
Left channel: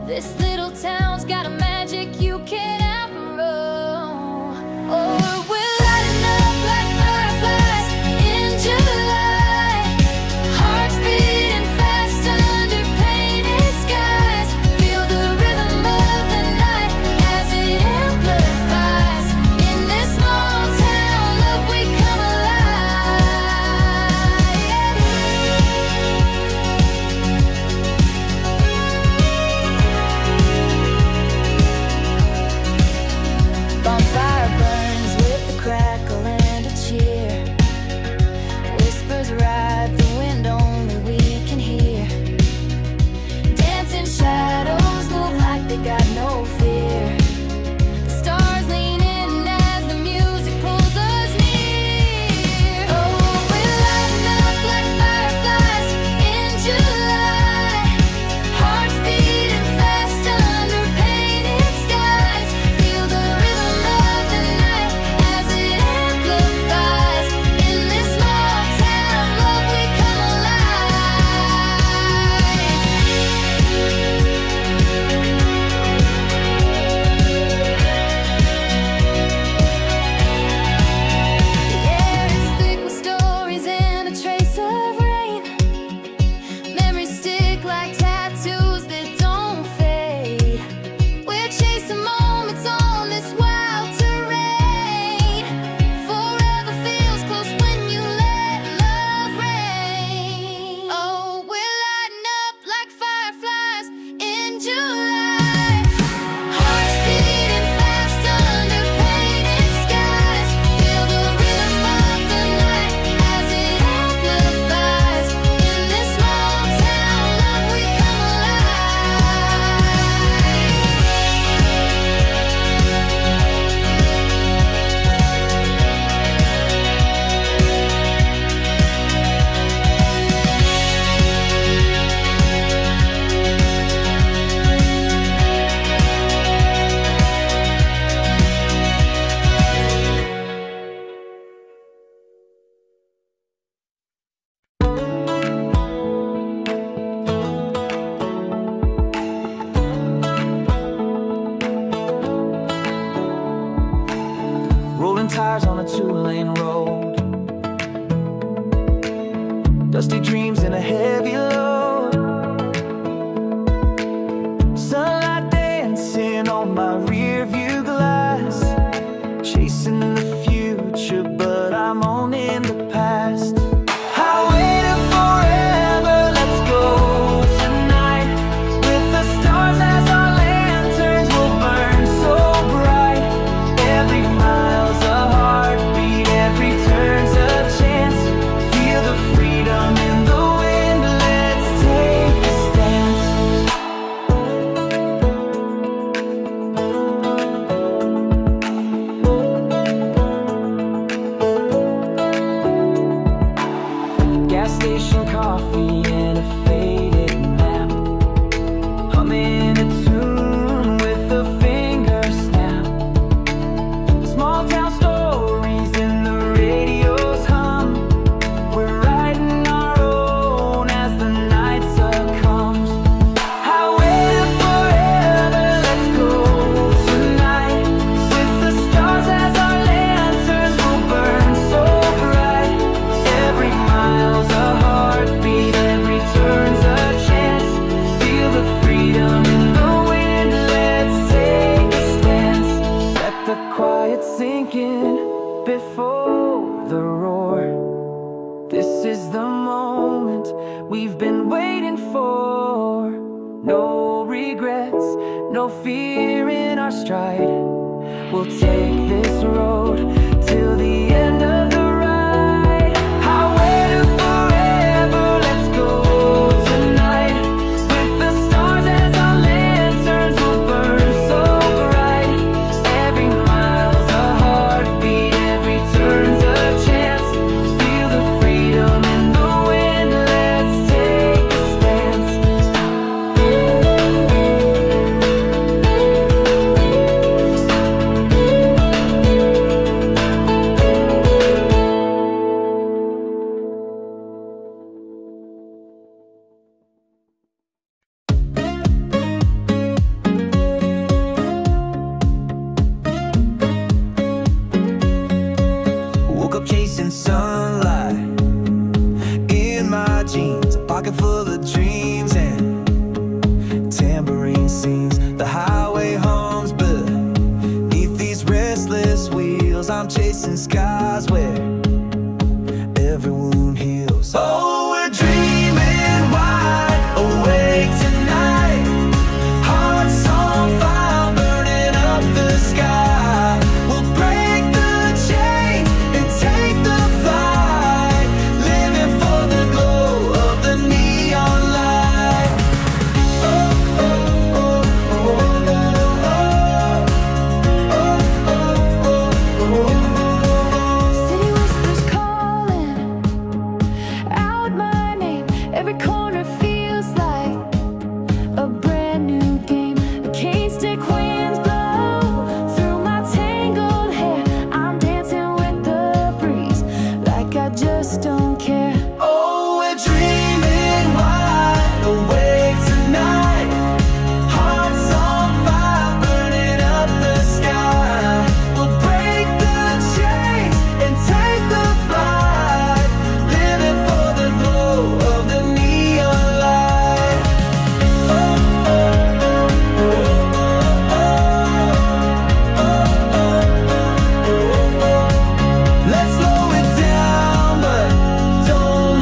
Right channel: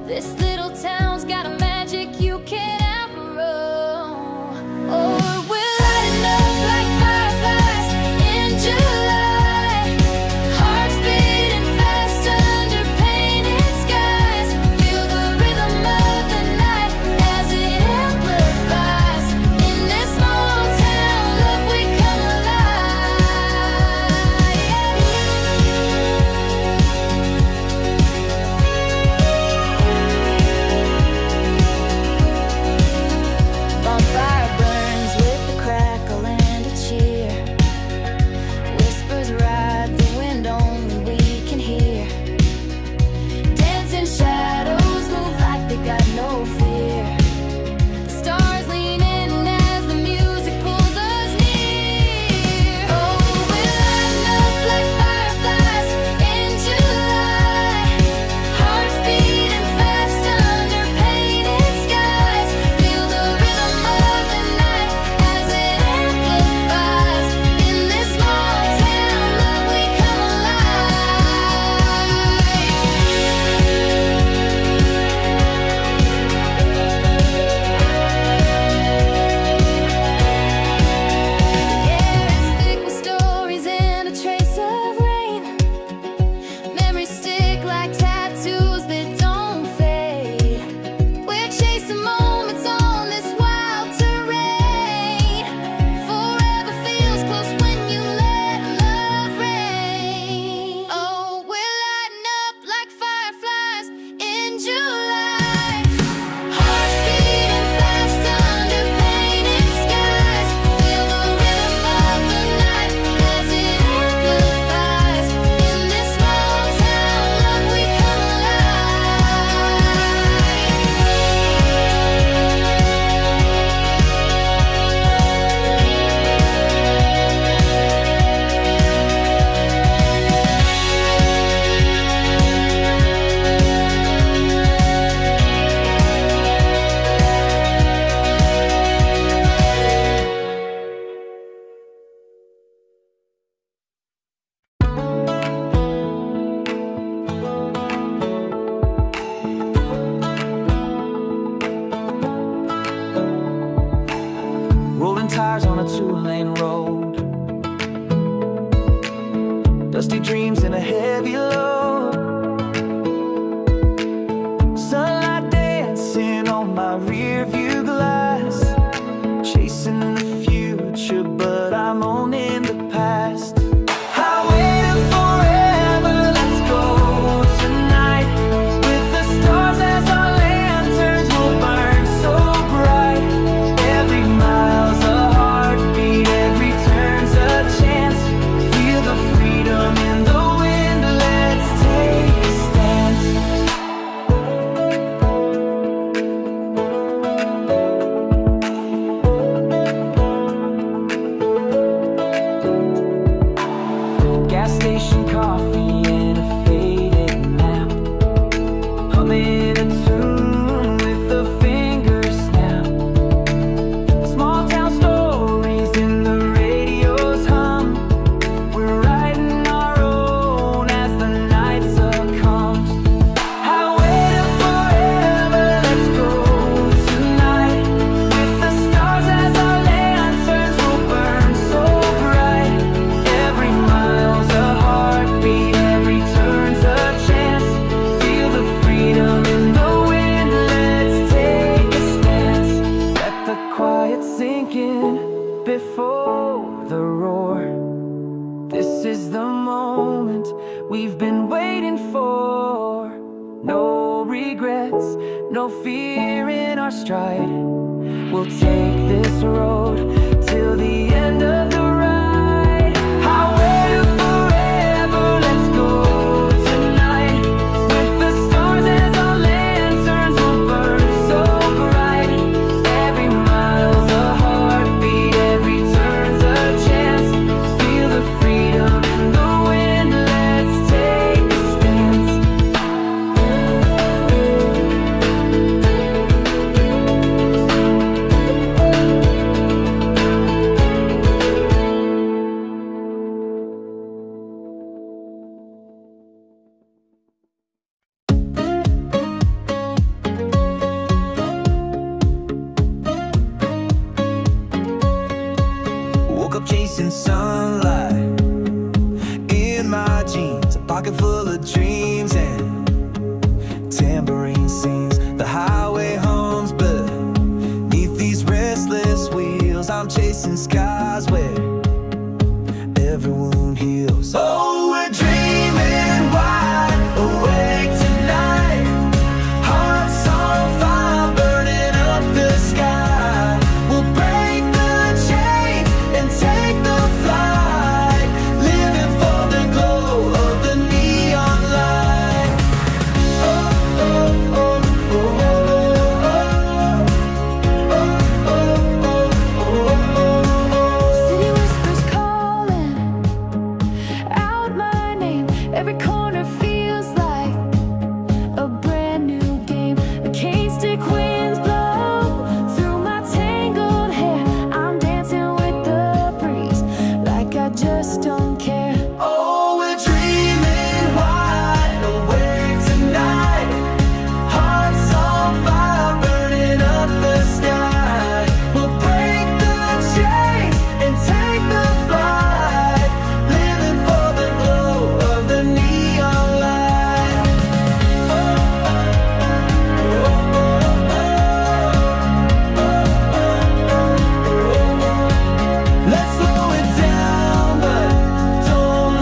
This little town's got a magic you can't outgrow. Oh, we're lighting up like fireflies in July. Hearts beating fast under painted skies. Feel the rhythm of the night as it amplifies. In this small town, love, we come alive. Bonfire burns with the crackle and a cheer. Whispers ride the wind, only we can hear. Dancing shadows move like they got no fear. The stars lean in as the music pulls us near. Oh, we're lighting up like fireflies in July. Hearts beating fast under painted skies. Feel the rhythm of the night as it amplifies. In this small town, love, we come alive. The air is thick with stories and a trace of rain. Memories stick like tattoos that don't fade. We're chasing moments on this wild terrain. Forever feels close when you let love reign. Oh, we're lighting up like fireflies in July. Hearts beating fast under painted skies. Feel the rhythm of the night as it amplifies. In this small town, love, we come alive. Rolling tires on a 2-lane road. Dusty dreams in a heavy load. Sunlight dancing on my rear view glass. Chasing the future, but I'm owning the past. Highway to forever, let's go tonight. With the stars as our lanterns, we'll burn so bright. Every mile's a heartbeat, every turn's a chance. Feel the freedom in the wind, let's take a stance. Gas station coffee and a faded map. Humming a tune with a finger snap. Small town stories in the radio's hum. We're writing our own as the night succumbs. Highway to forever, let's go tonight. With the stars as our lanterns, we'll burn so bright. Every mile's a heartbeat, every turn's a chance. Feel the freedom in the wind, let's take a stance. Let the quiet sink in before the roar. This is the moment we've been waiting for. No regrets, no fear in our stride. We'll take this road till the end of the ride. Highway to forever, let's go tonight. With the stars as our lanterns, we'll burn so bright. Every mile's a heartbeat, every turn's a chance. Feel the freedom in the wind, let's take a stance. Woke up chasing sunlight in my jeans, a pocket full of dreams and tambourine sings. The highway hums beneath these restless wheels. I'm chasing skies where every wound heals. Oh, we're dreaming wide awake tonight. Hearts on fire, burning up the sky. We'll break the chains and take the flight, living for the glow of the neon light. Oh, oh, oh, oh, oh, oh, oh. City whispers calling out my name. Every corner feels like a brand new game. The cane stick winds blow through my tangled hair. I'm dancing with the breeze like I just don't care. Oh, we're dreaming wide awake tonight. Hearts on fire, burning up the sky. We'll break the chains and take the flight, living for the glow of the neon light. Oh, oh, oh, oh, oh, oh, oh, oh, oh. Let's slow it down, but don't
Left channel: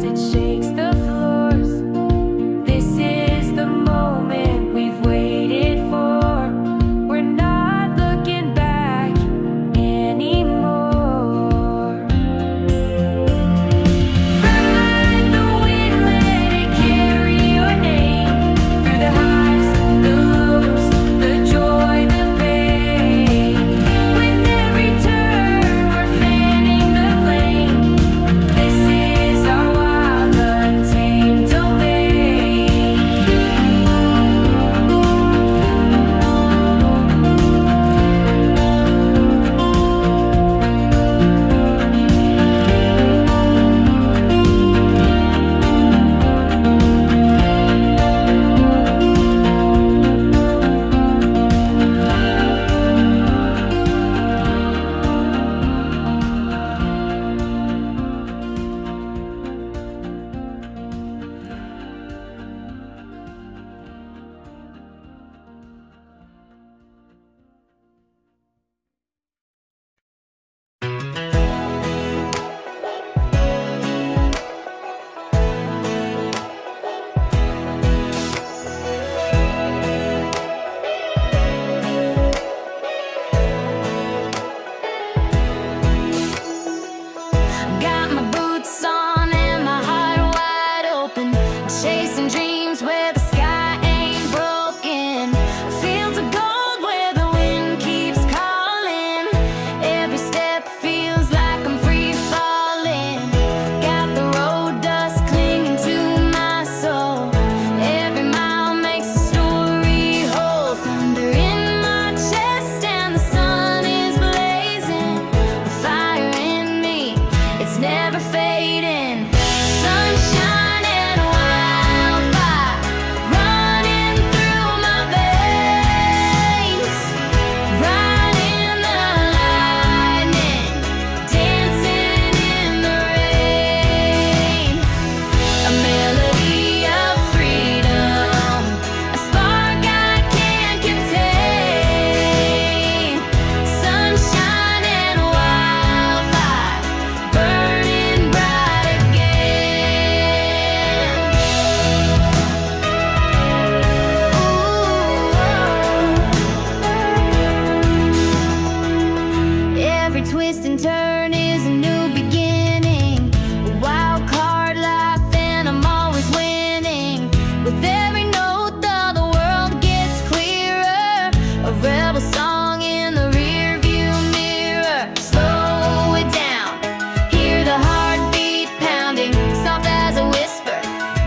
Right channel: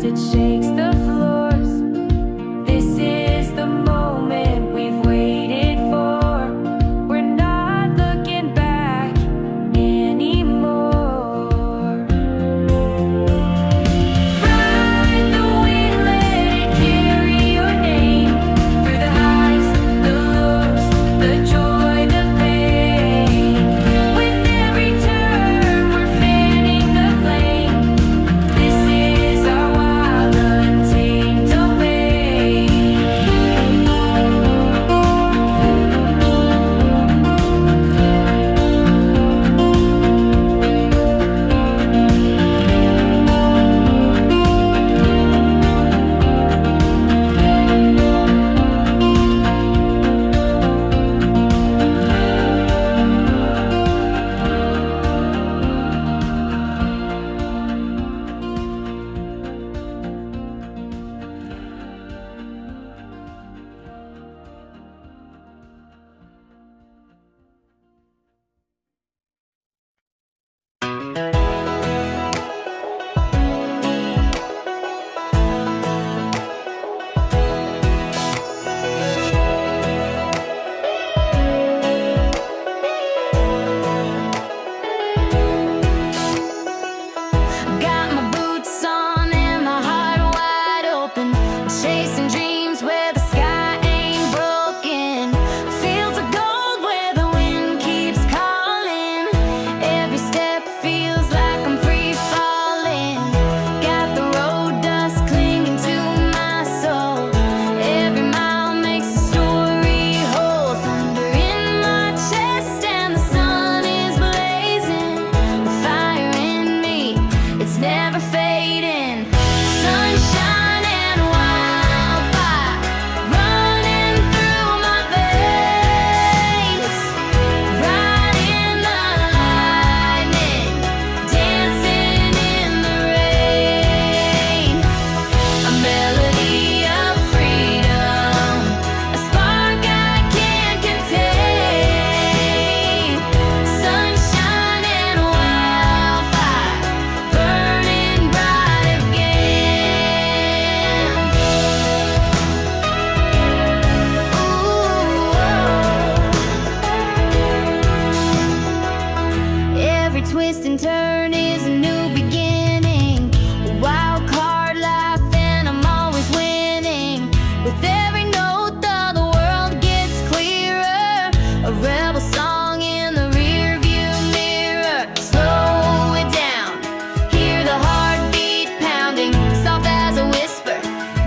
as it shakes the floors. This is the moment we've waited for. We're not looking back anymore. Ride the wind, let it carry your name. Through the highs, the lows, the joy, the pain. With every turn, we're fanning the flame. This is our wild, untamed domain. Got my boots on and my heart wide open, chasing dreams where the sky ain't broken. Fields of gold where the wind keeps calling. Every step feels like I'm free falling. Got the road dust clinging to my soul. Every mile makes a story whole. Thunder in my chest and the sun is blazing. The fire in me, it's never fading. Sunshine and wildfire running through my veins. Riding the lightning, dancing in the rain. A melody of freedom, a spark I can't contain. Sunshine and wildfire burning bright again. Ooh. Every twist and turn is a new beginning. A wild card life and I'm always winning. With every note though the world gets clearer. A rebel song in the rear view mirror. Slow it down, hear the heartbeat pounding, soft as a whisper,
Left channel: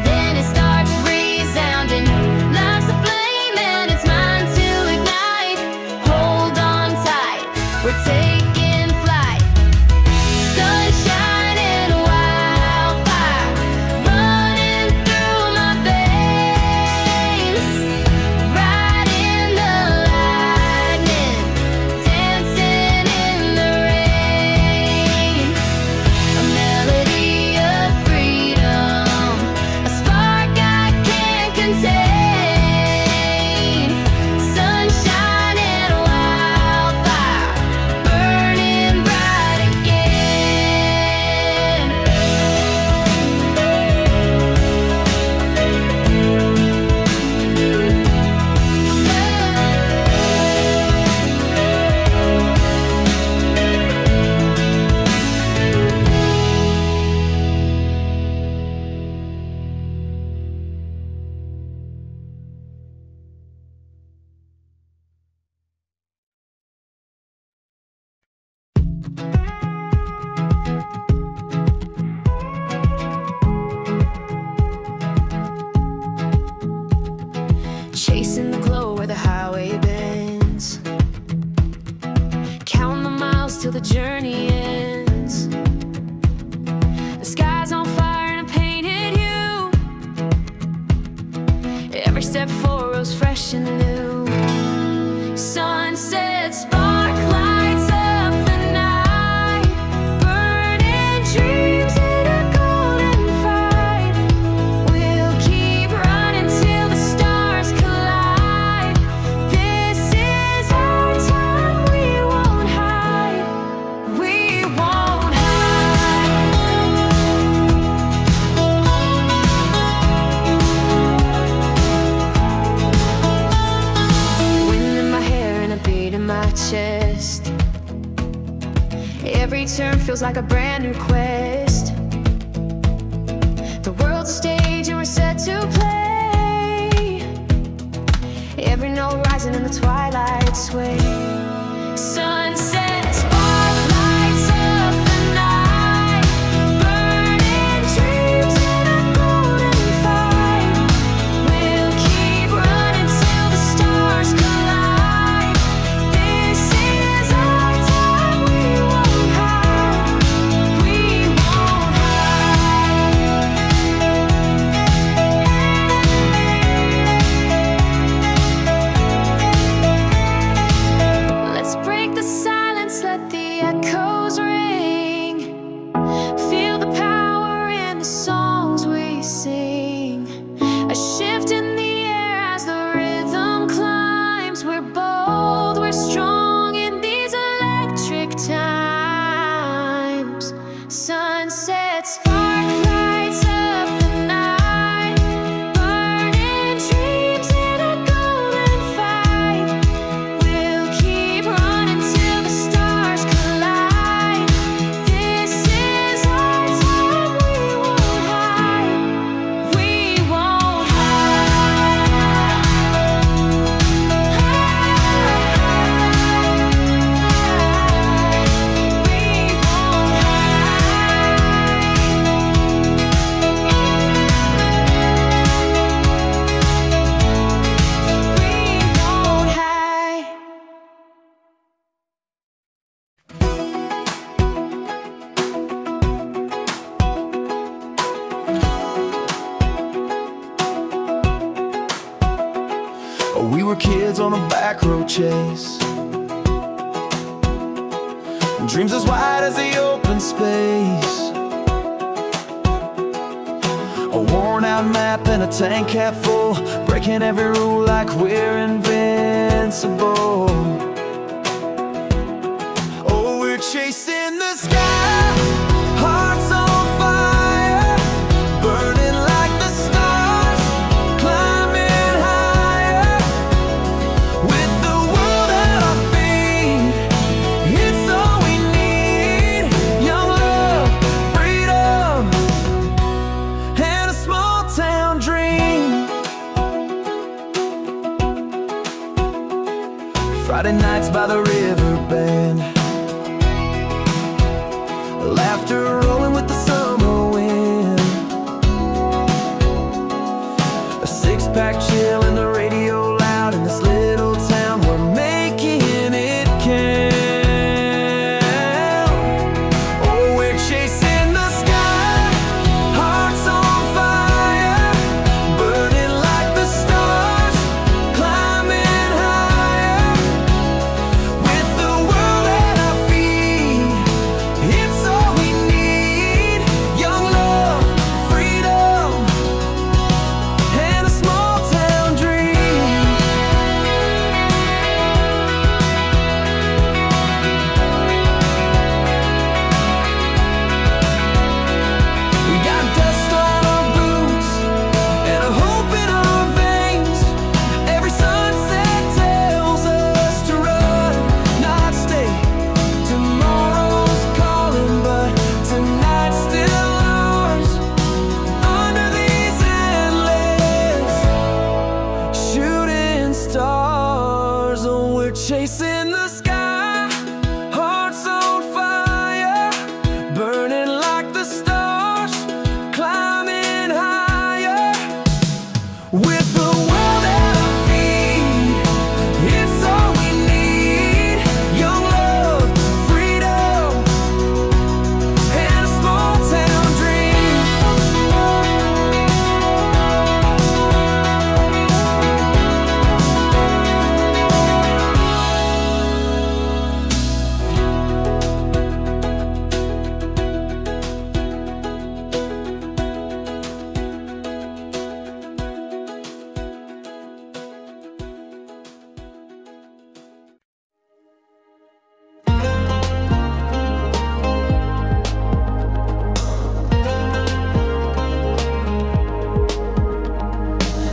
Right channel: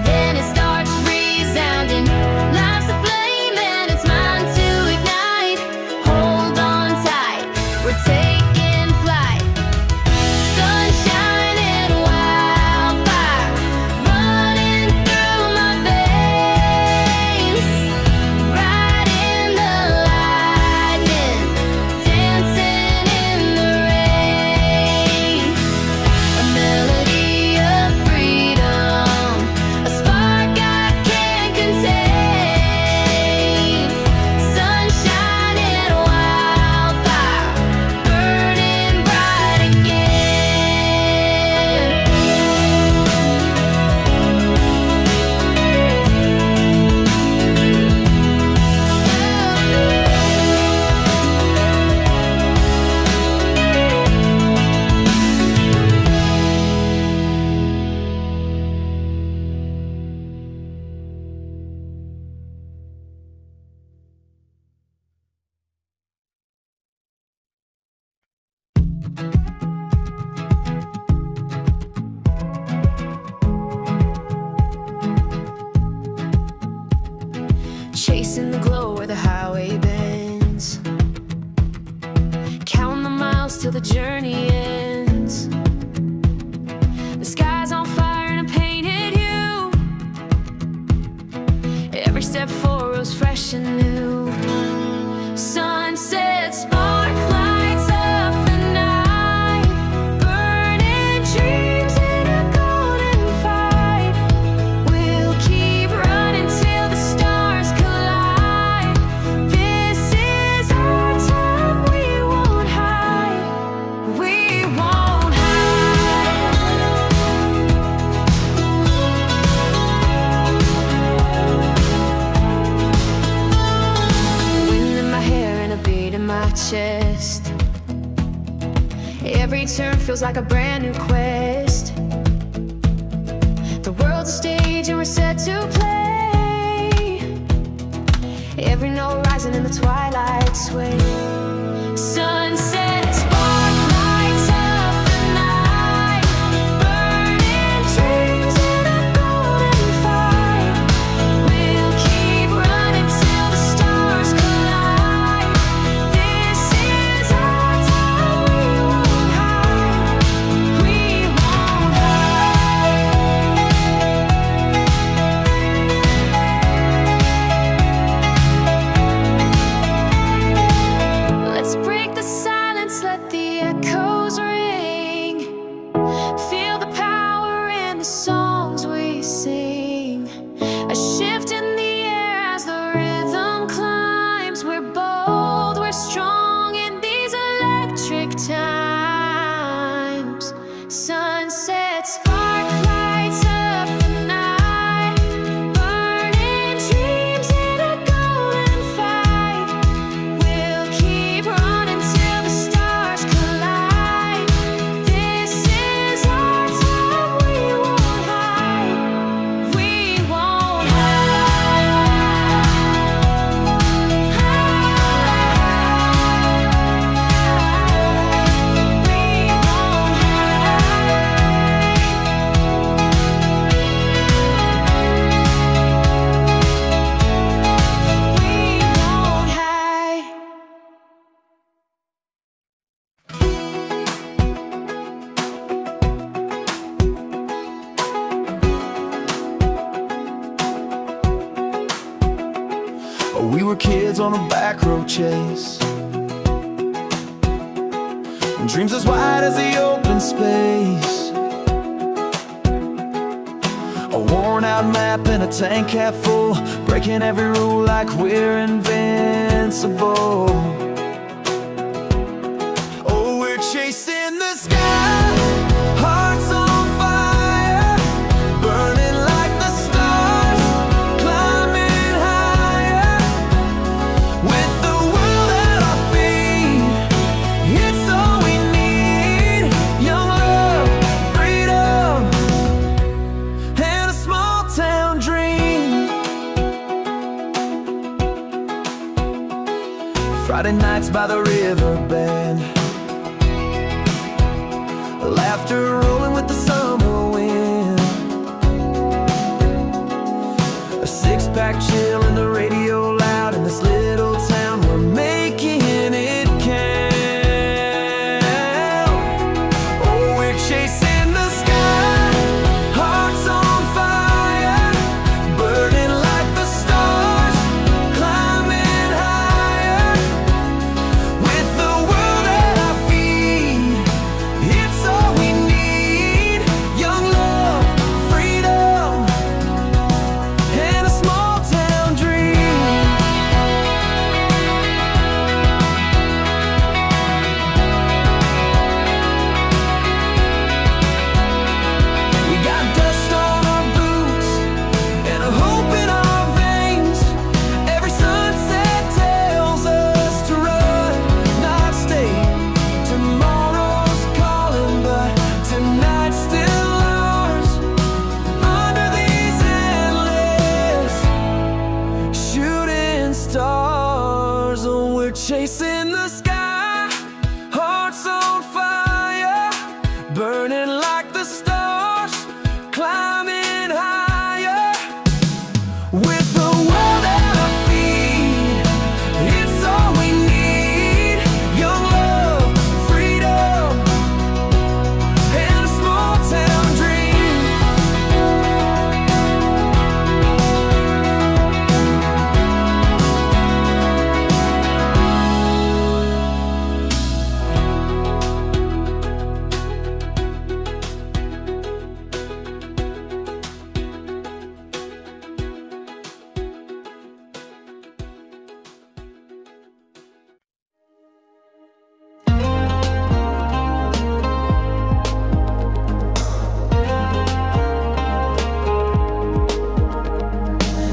then it starts resounding. Life's a flame and it's mine to ignite. Hold on tight, we're taking flight. Sunshine and wildfire running through my veins. Riding the lightning, dancing in the rain. A melody of freedom, a spark I can't contain. Sunshine and wildfire burning bright again. Chasing the glow where the highway bends. Counting the miles till the journey ends. The sky's on fire and I painted you. Every step forward was fresh and new. Sunset spark lights up the night, burning dreams in a golden fight. We'll keep running till the stars collide. This is our time, we won't hide. We won't hide. chest. Every turn feels like a brand new quest. The world's a stage and we're set to play. Every note rising in the twilight sway. Sunset spark lights up the night, burning dreams in a golden fight. We'll keep running till the stars collide. This is our time, we won't hide. We won't hide. Let's break the silence, let the echoes ring. Feel the power in the songs we sing. A shift in the air as the rhythm climbs. We're bold, we're strong in these electric times. Sunset spark lights up the night, burning dreams in a golden fight. We'll keep running till the stars collide. This is our time, we won't hide. We won't hide. We won't hide. We won't hide. We were kids on a back road chase, dreams as wide as the open space. A worn out map and a tank cap full, breaking every rule like we're invincible. Oh, we're chasing the sky, hearts on fire, burning like the stars, climbing higher. With the world at our feet, it's all we need. Young love, freedom, and a small town dream. Friday nights by the river bend, laughter rolling with the summer wind. A six-pack chill and the radio loud. In this little town we're making it count. Oh, we're chasing the sky, hearts on fire, burning like the stars, climbing higher. With the world at our feet, it's all we need. Young love, freedom, and a small town dream. We got dust on our boots and a hope in our veins. Every sunset tells us to run, not stay. Tomorrow's calling, but tonight's still ours. Under these endless shooting stars, oh, we're chasing the sky, hearts on fire, burning like the stars, climbing higher. With the world at our feet, it's all we need. Young love, freedom, and a small town dream.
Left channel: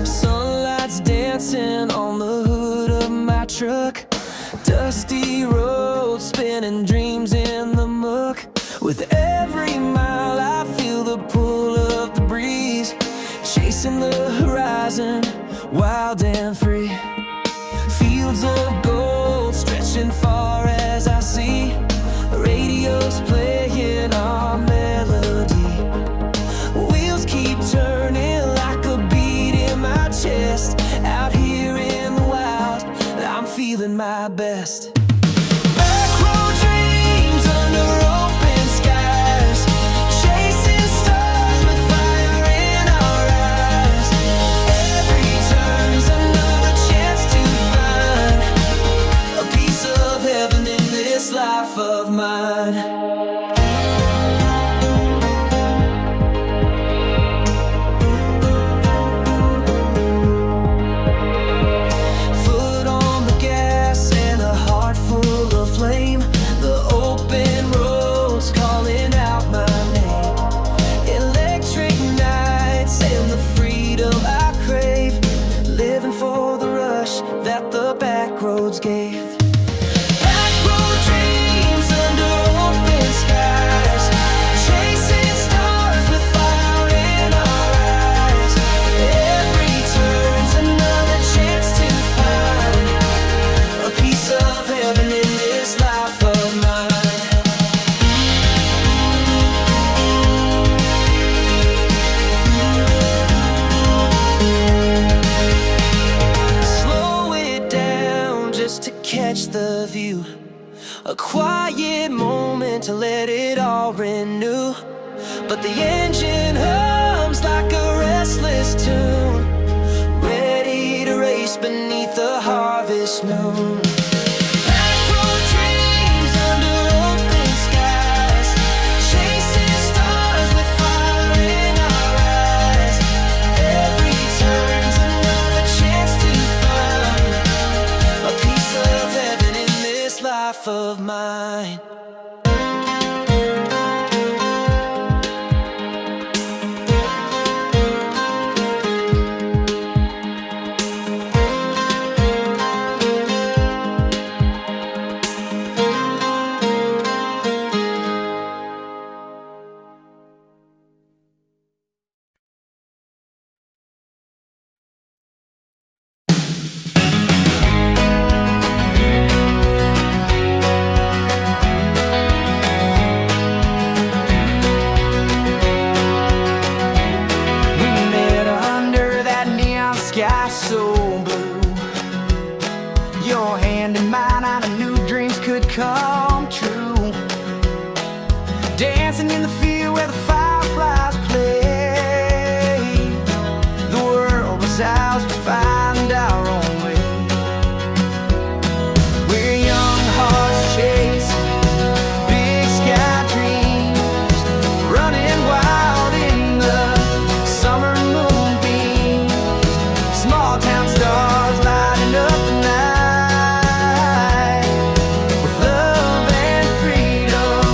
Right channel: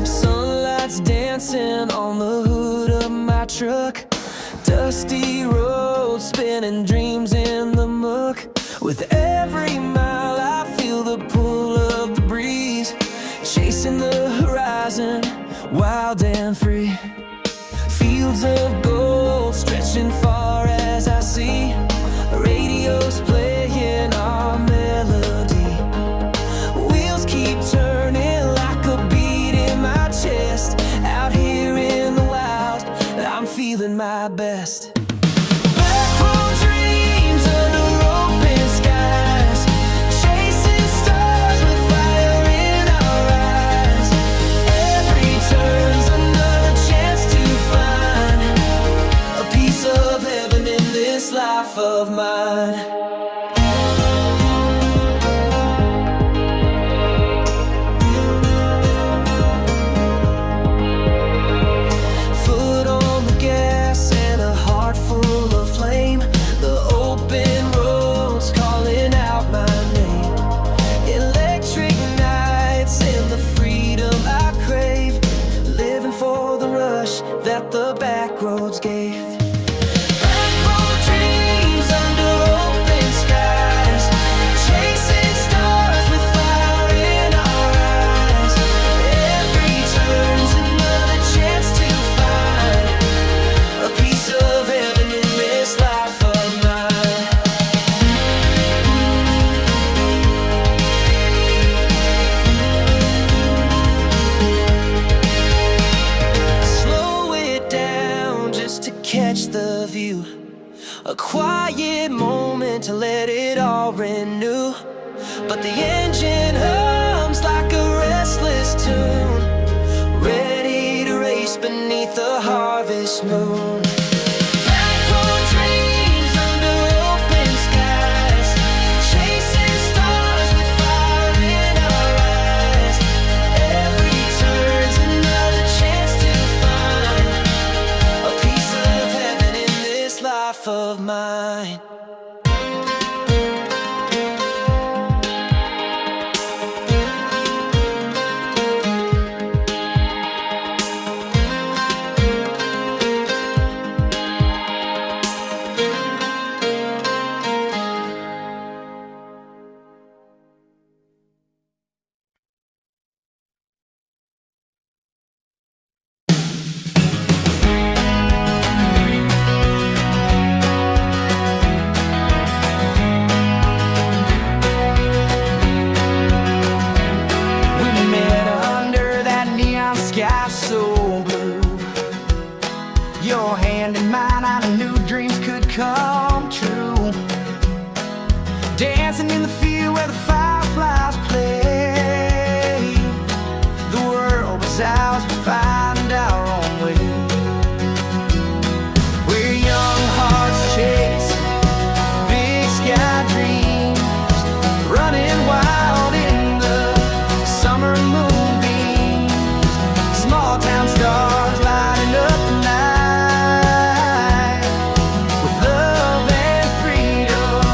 Sunlight's dancing on the hood of my truck. Dust dusty road, spinning dreams in the muck. With every mile I feel the pull of the breeze, chasing the horizon, wild and free. Fields of gold stretching far as I see, the radio's playing our melody. Wheels keep turning like a beat in my chest. Out here in the wild, I'm feeling my best. Back road dreams under open skies, chasing stars with fire in our eyes. Every turn's another chance to find a piece of heaven in this life of mine. Heart full of flame, the open roads calling out my name. Electric nights and the freedom I crave, living for the rush that the back roads gave. Back road dreams under open skies, chasing stars with fire in our eyes. Every turn's another chance to find a piece of heaven in this life of mine. Slow it down just to catch the view, a quiet moment to let it all renew. But the engine hums like a restless tune, ready to race beneath the harvest moon. Back road dreams under open skies, chasing stars with fire in our eyes. Every turn's another chance to find a piece of heaven in this life of mine. Sky so blue, your hand in mine, I knew dreams could come true. Dancing in the field where the fireflies play, the world was ours to find our own way. We're young hearts chasing big sky dreams, running wild in the summer moonbeams. Small town stars lighting up the night. With love and freedom,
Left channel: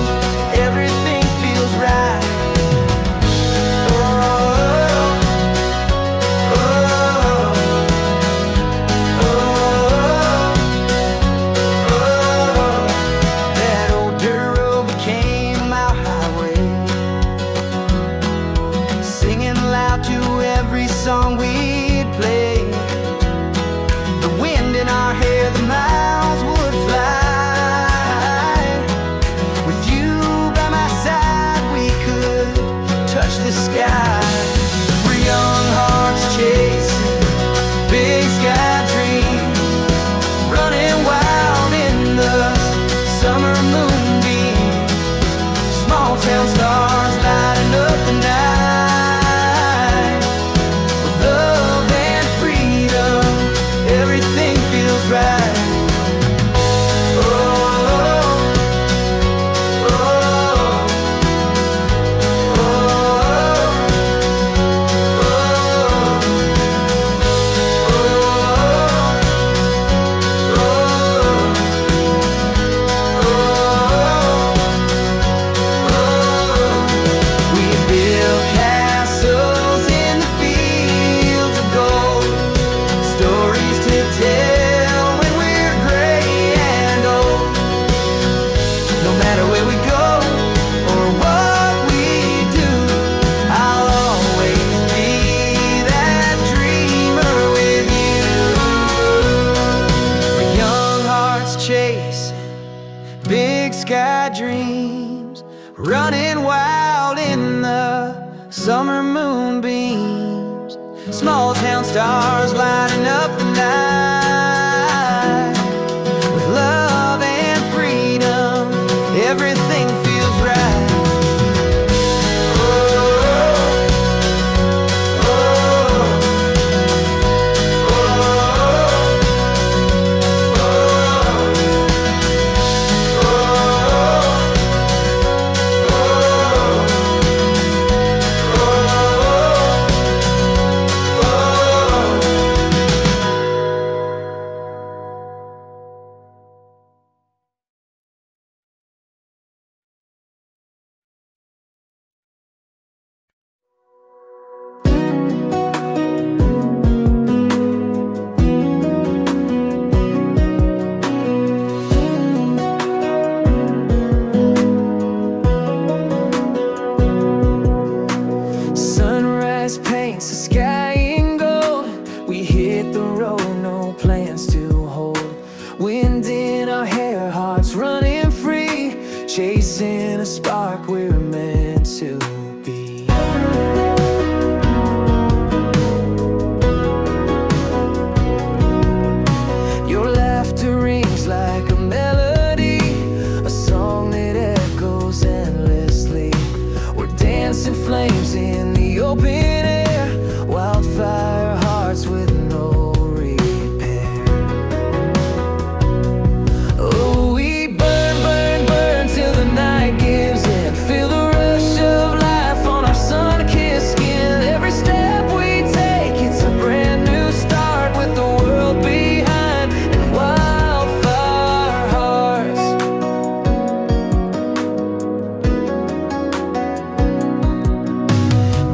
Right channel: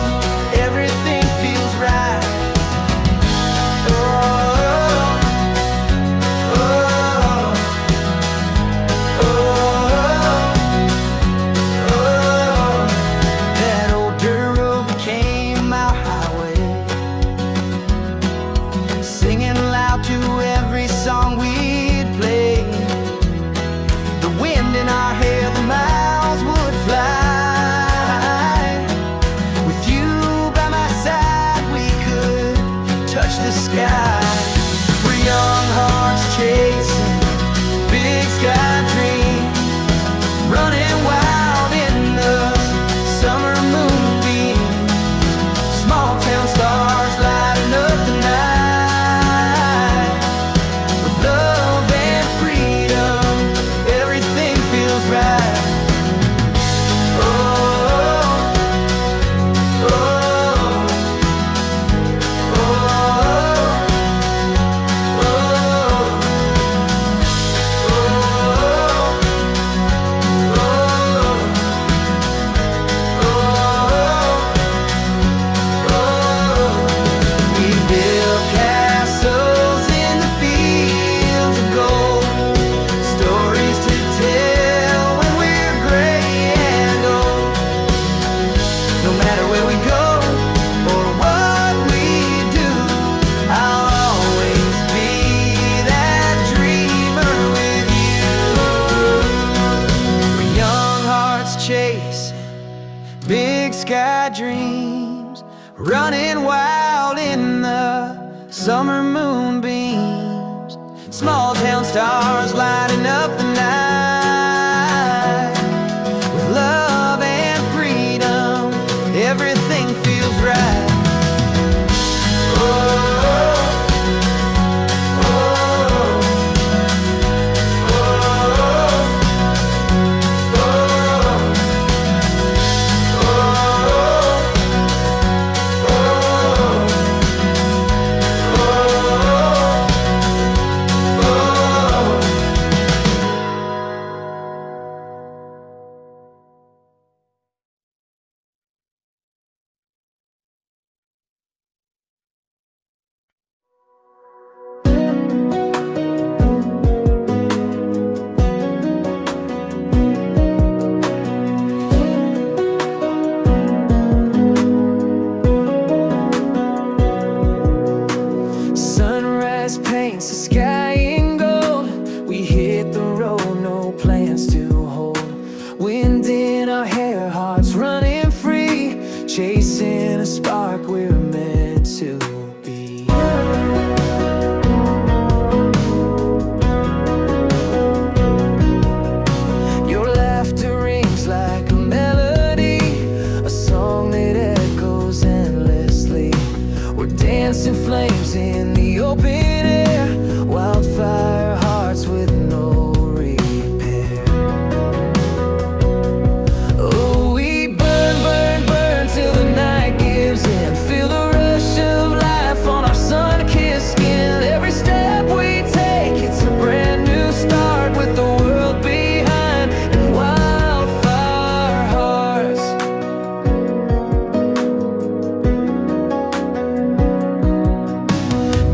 everything feels right. Oh, oh, oh, oh. That old dirt road became our highway, singing loud to every song we'd play. The wind in our hair, the miles would fly. With you by my side, we could touch the sky. We're young hearts chasing big sky dreams, running wild in the summer moonbeams. Small town stars lighting up the night. With love and freedom, everything feels right. Oh, oh, oh, oh, oh. sky dreams, running wild in the summer moonbeams. Small town stars lighting up the night. With love and freedom, everything feels right. Oh. Sunrise paints the sky in gold. We hit the road, no plans to hold. Wind in our hair, hearts running free, chasing a spark we're meant to be. Your laughter rings like a melody, a song that echoes endlessly. We're dancing flames in the open air, wildfire hearts with no repair. Oh, we burn, burn, burn till the night gives in. Feel the rush of life on our sun-kissed skin. Every step we take, it's a brand new start with the world behind and wildfire hearts.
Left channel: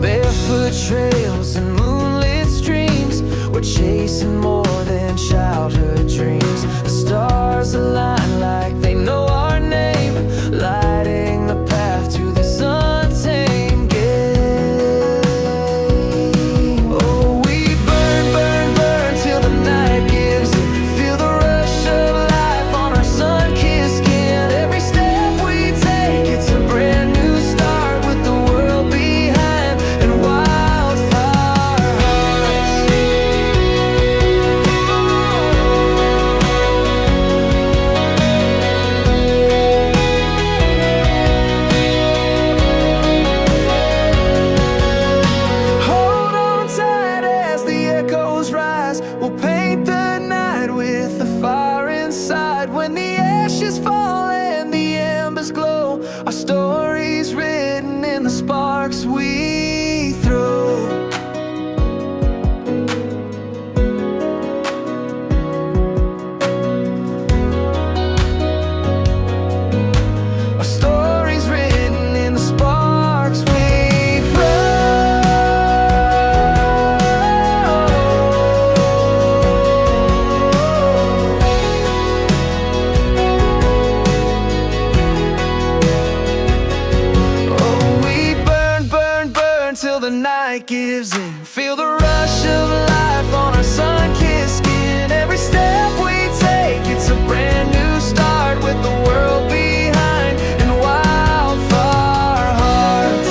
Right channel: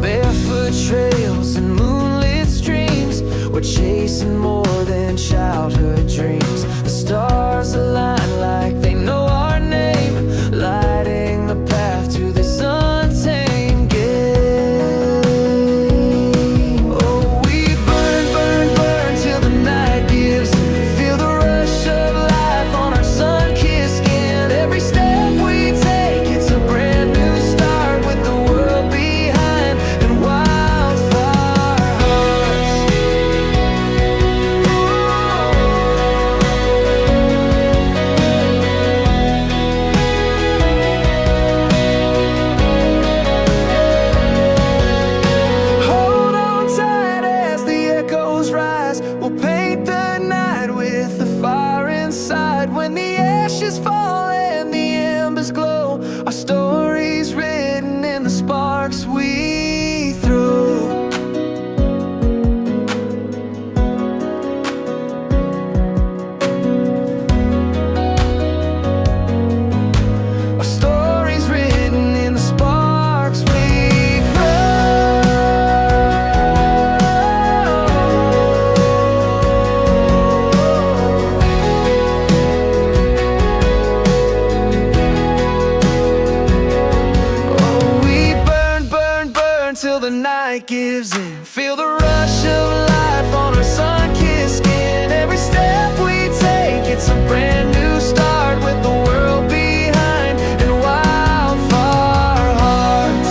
Barefoot trails and moonlit streams, we're chasing more than childhood dreams. The stars align like they know our name, lighting the path to this untamed game. Oh, we burn, burn, burn till the night gives in. Feel the rush of life on our sun-kissed skin. Every step we take, it's a brand new start with the world behind and wildfire hearts. Hold on tight as the echoes rise. We'll paint the night with the fire inside. When the ashes fall and the embers glow, our story's written in the sparks we throw. Our story's written in the sparks we Oh, we burn, burn, burn till the night gives in. Feel the rush of life on our sun-kissed skin. Every step we take, it's a brand new start with the world behind and wildfire hearts.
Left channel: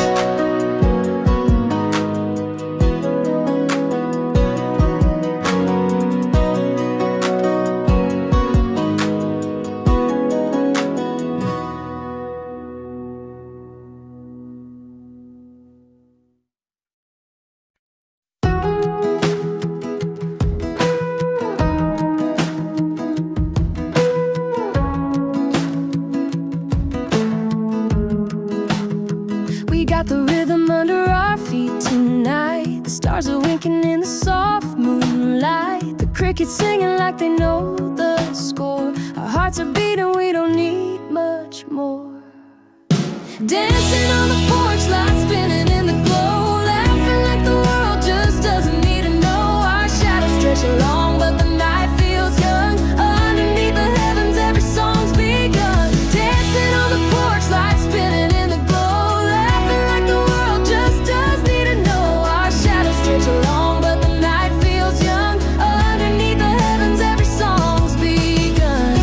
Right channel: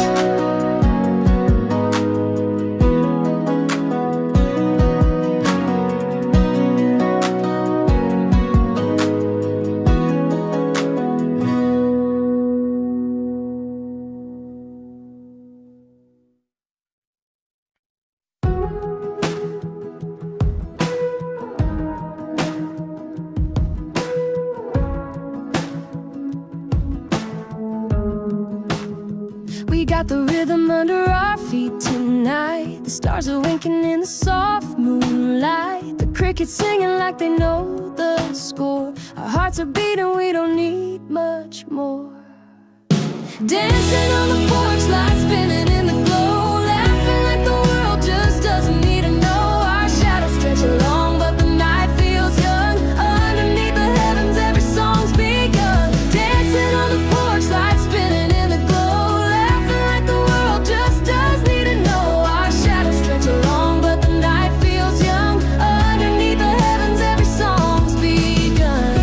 We got the rhythm under our feet tonight. The stars are winking in the soft moonlight. The crickets singing like they know the score. Our hearts are beating, we don't need much more. Dancing on the porch, lights spinning in the glow. Laughing like the world just doesn't need to know. Our shadows stretch along, but the night feels young. Underneath the heavens, every song's begun. Dancing on the porch, lights spinning in the glow. Laughing like the world just does need to know. Our shadows stretch along, but the night feels young. Underneath the heavens, every song's begun.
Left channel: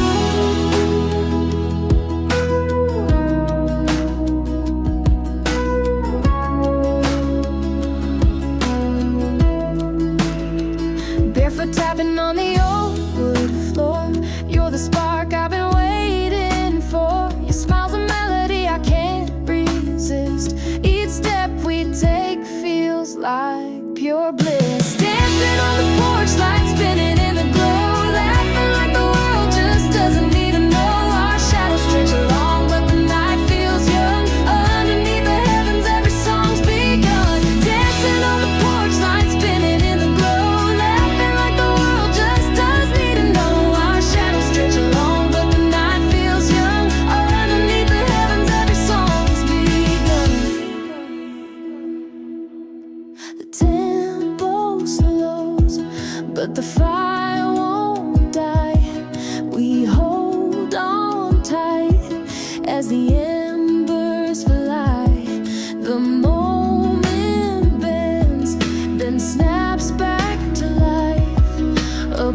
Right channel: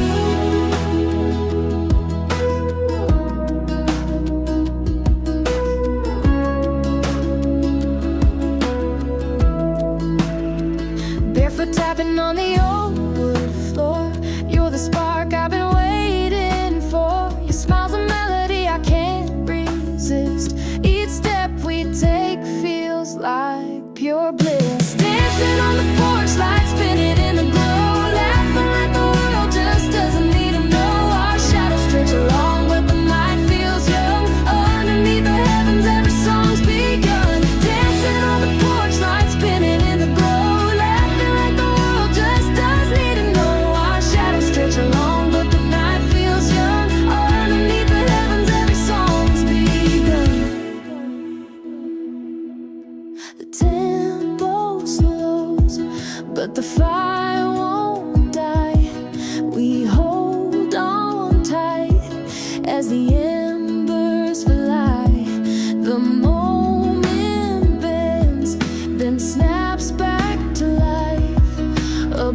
tapping on the old wood floor. You're the spark I've been waiting for. Your smile's a melody I can't resist. Each step we take feels like pure bliss. Dancing on the porch, lights spinning in the glow, laughing like the world just doesn't need to know. Our shadows stretch along, but the night feels young. Underneath the heavens, every song's begun. Dancing on the porch, lights spinning in the glow, laughing like the world just does need to know. Our shadows stretch along, but the night feels young. Underneath the heavens, every song's begun. The tempo slows, but the fire won't die. We hold on tight as the embers fly. The moment bends, then snaps back to life. A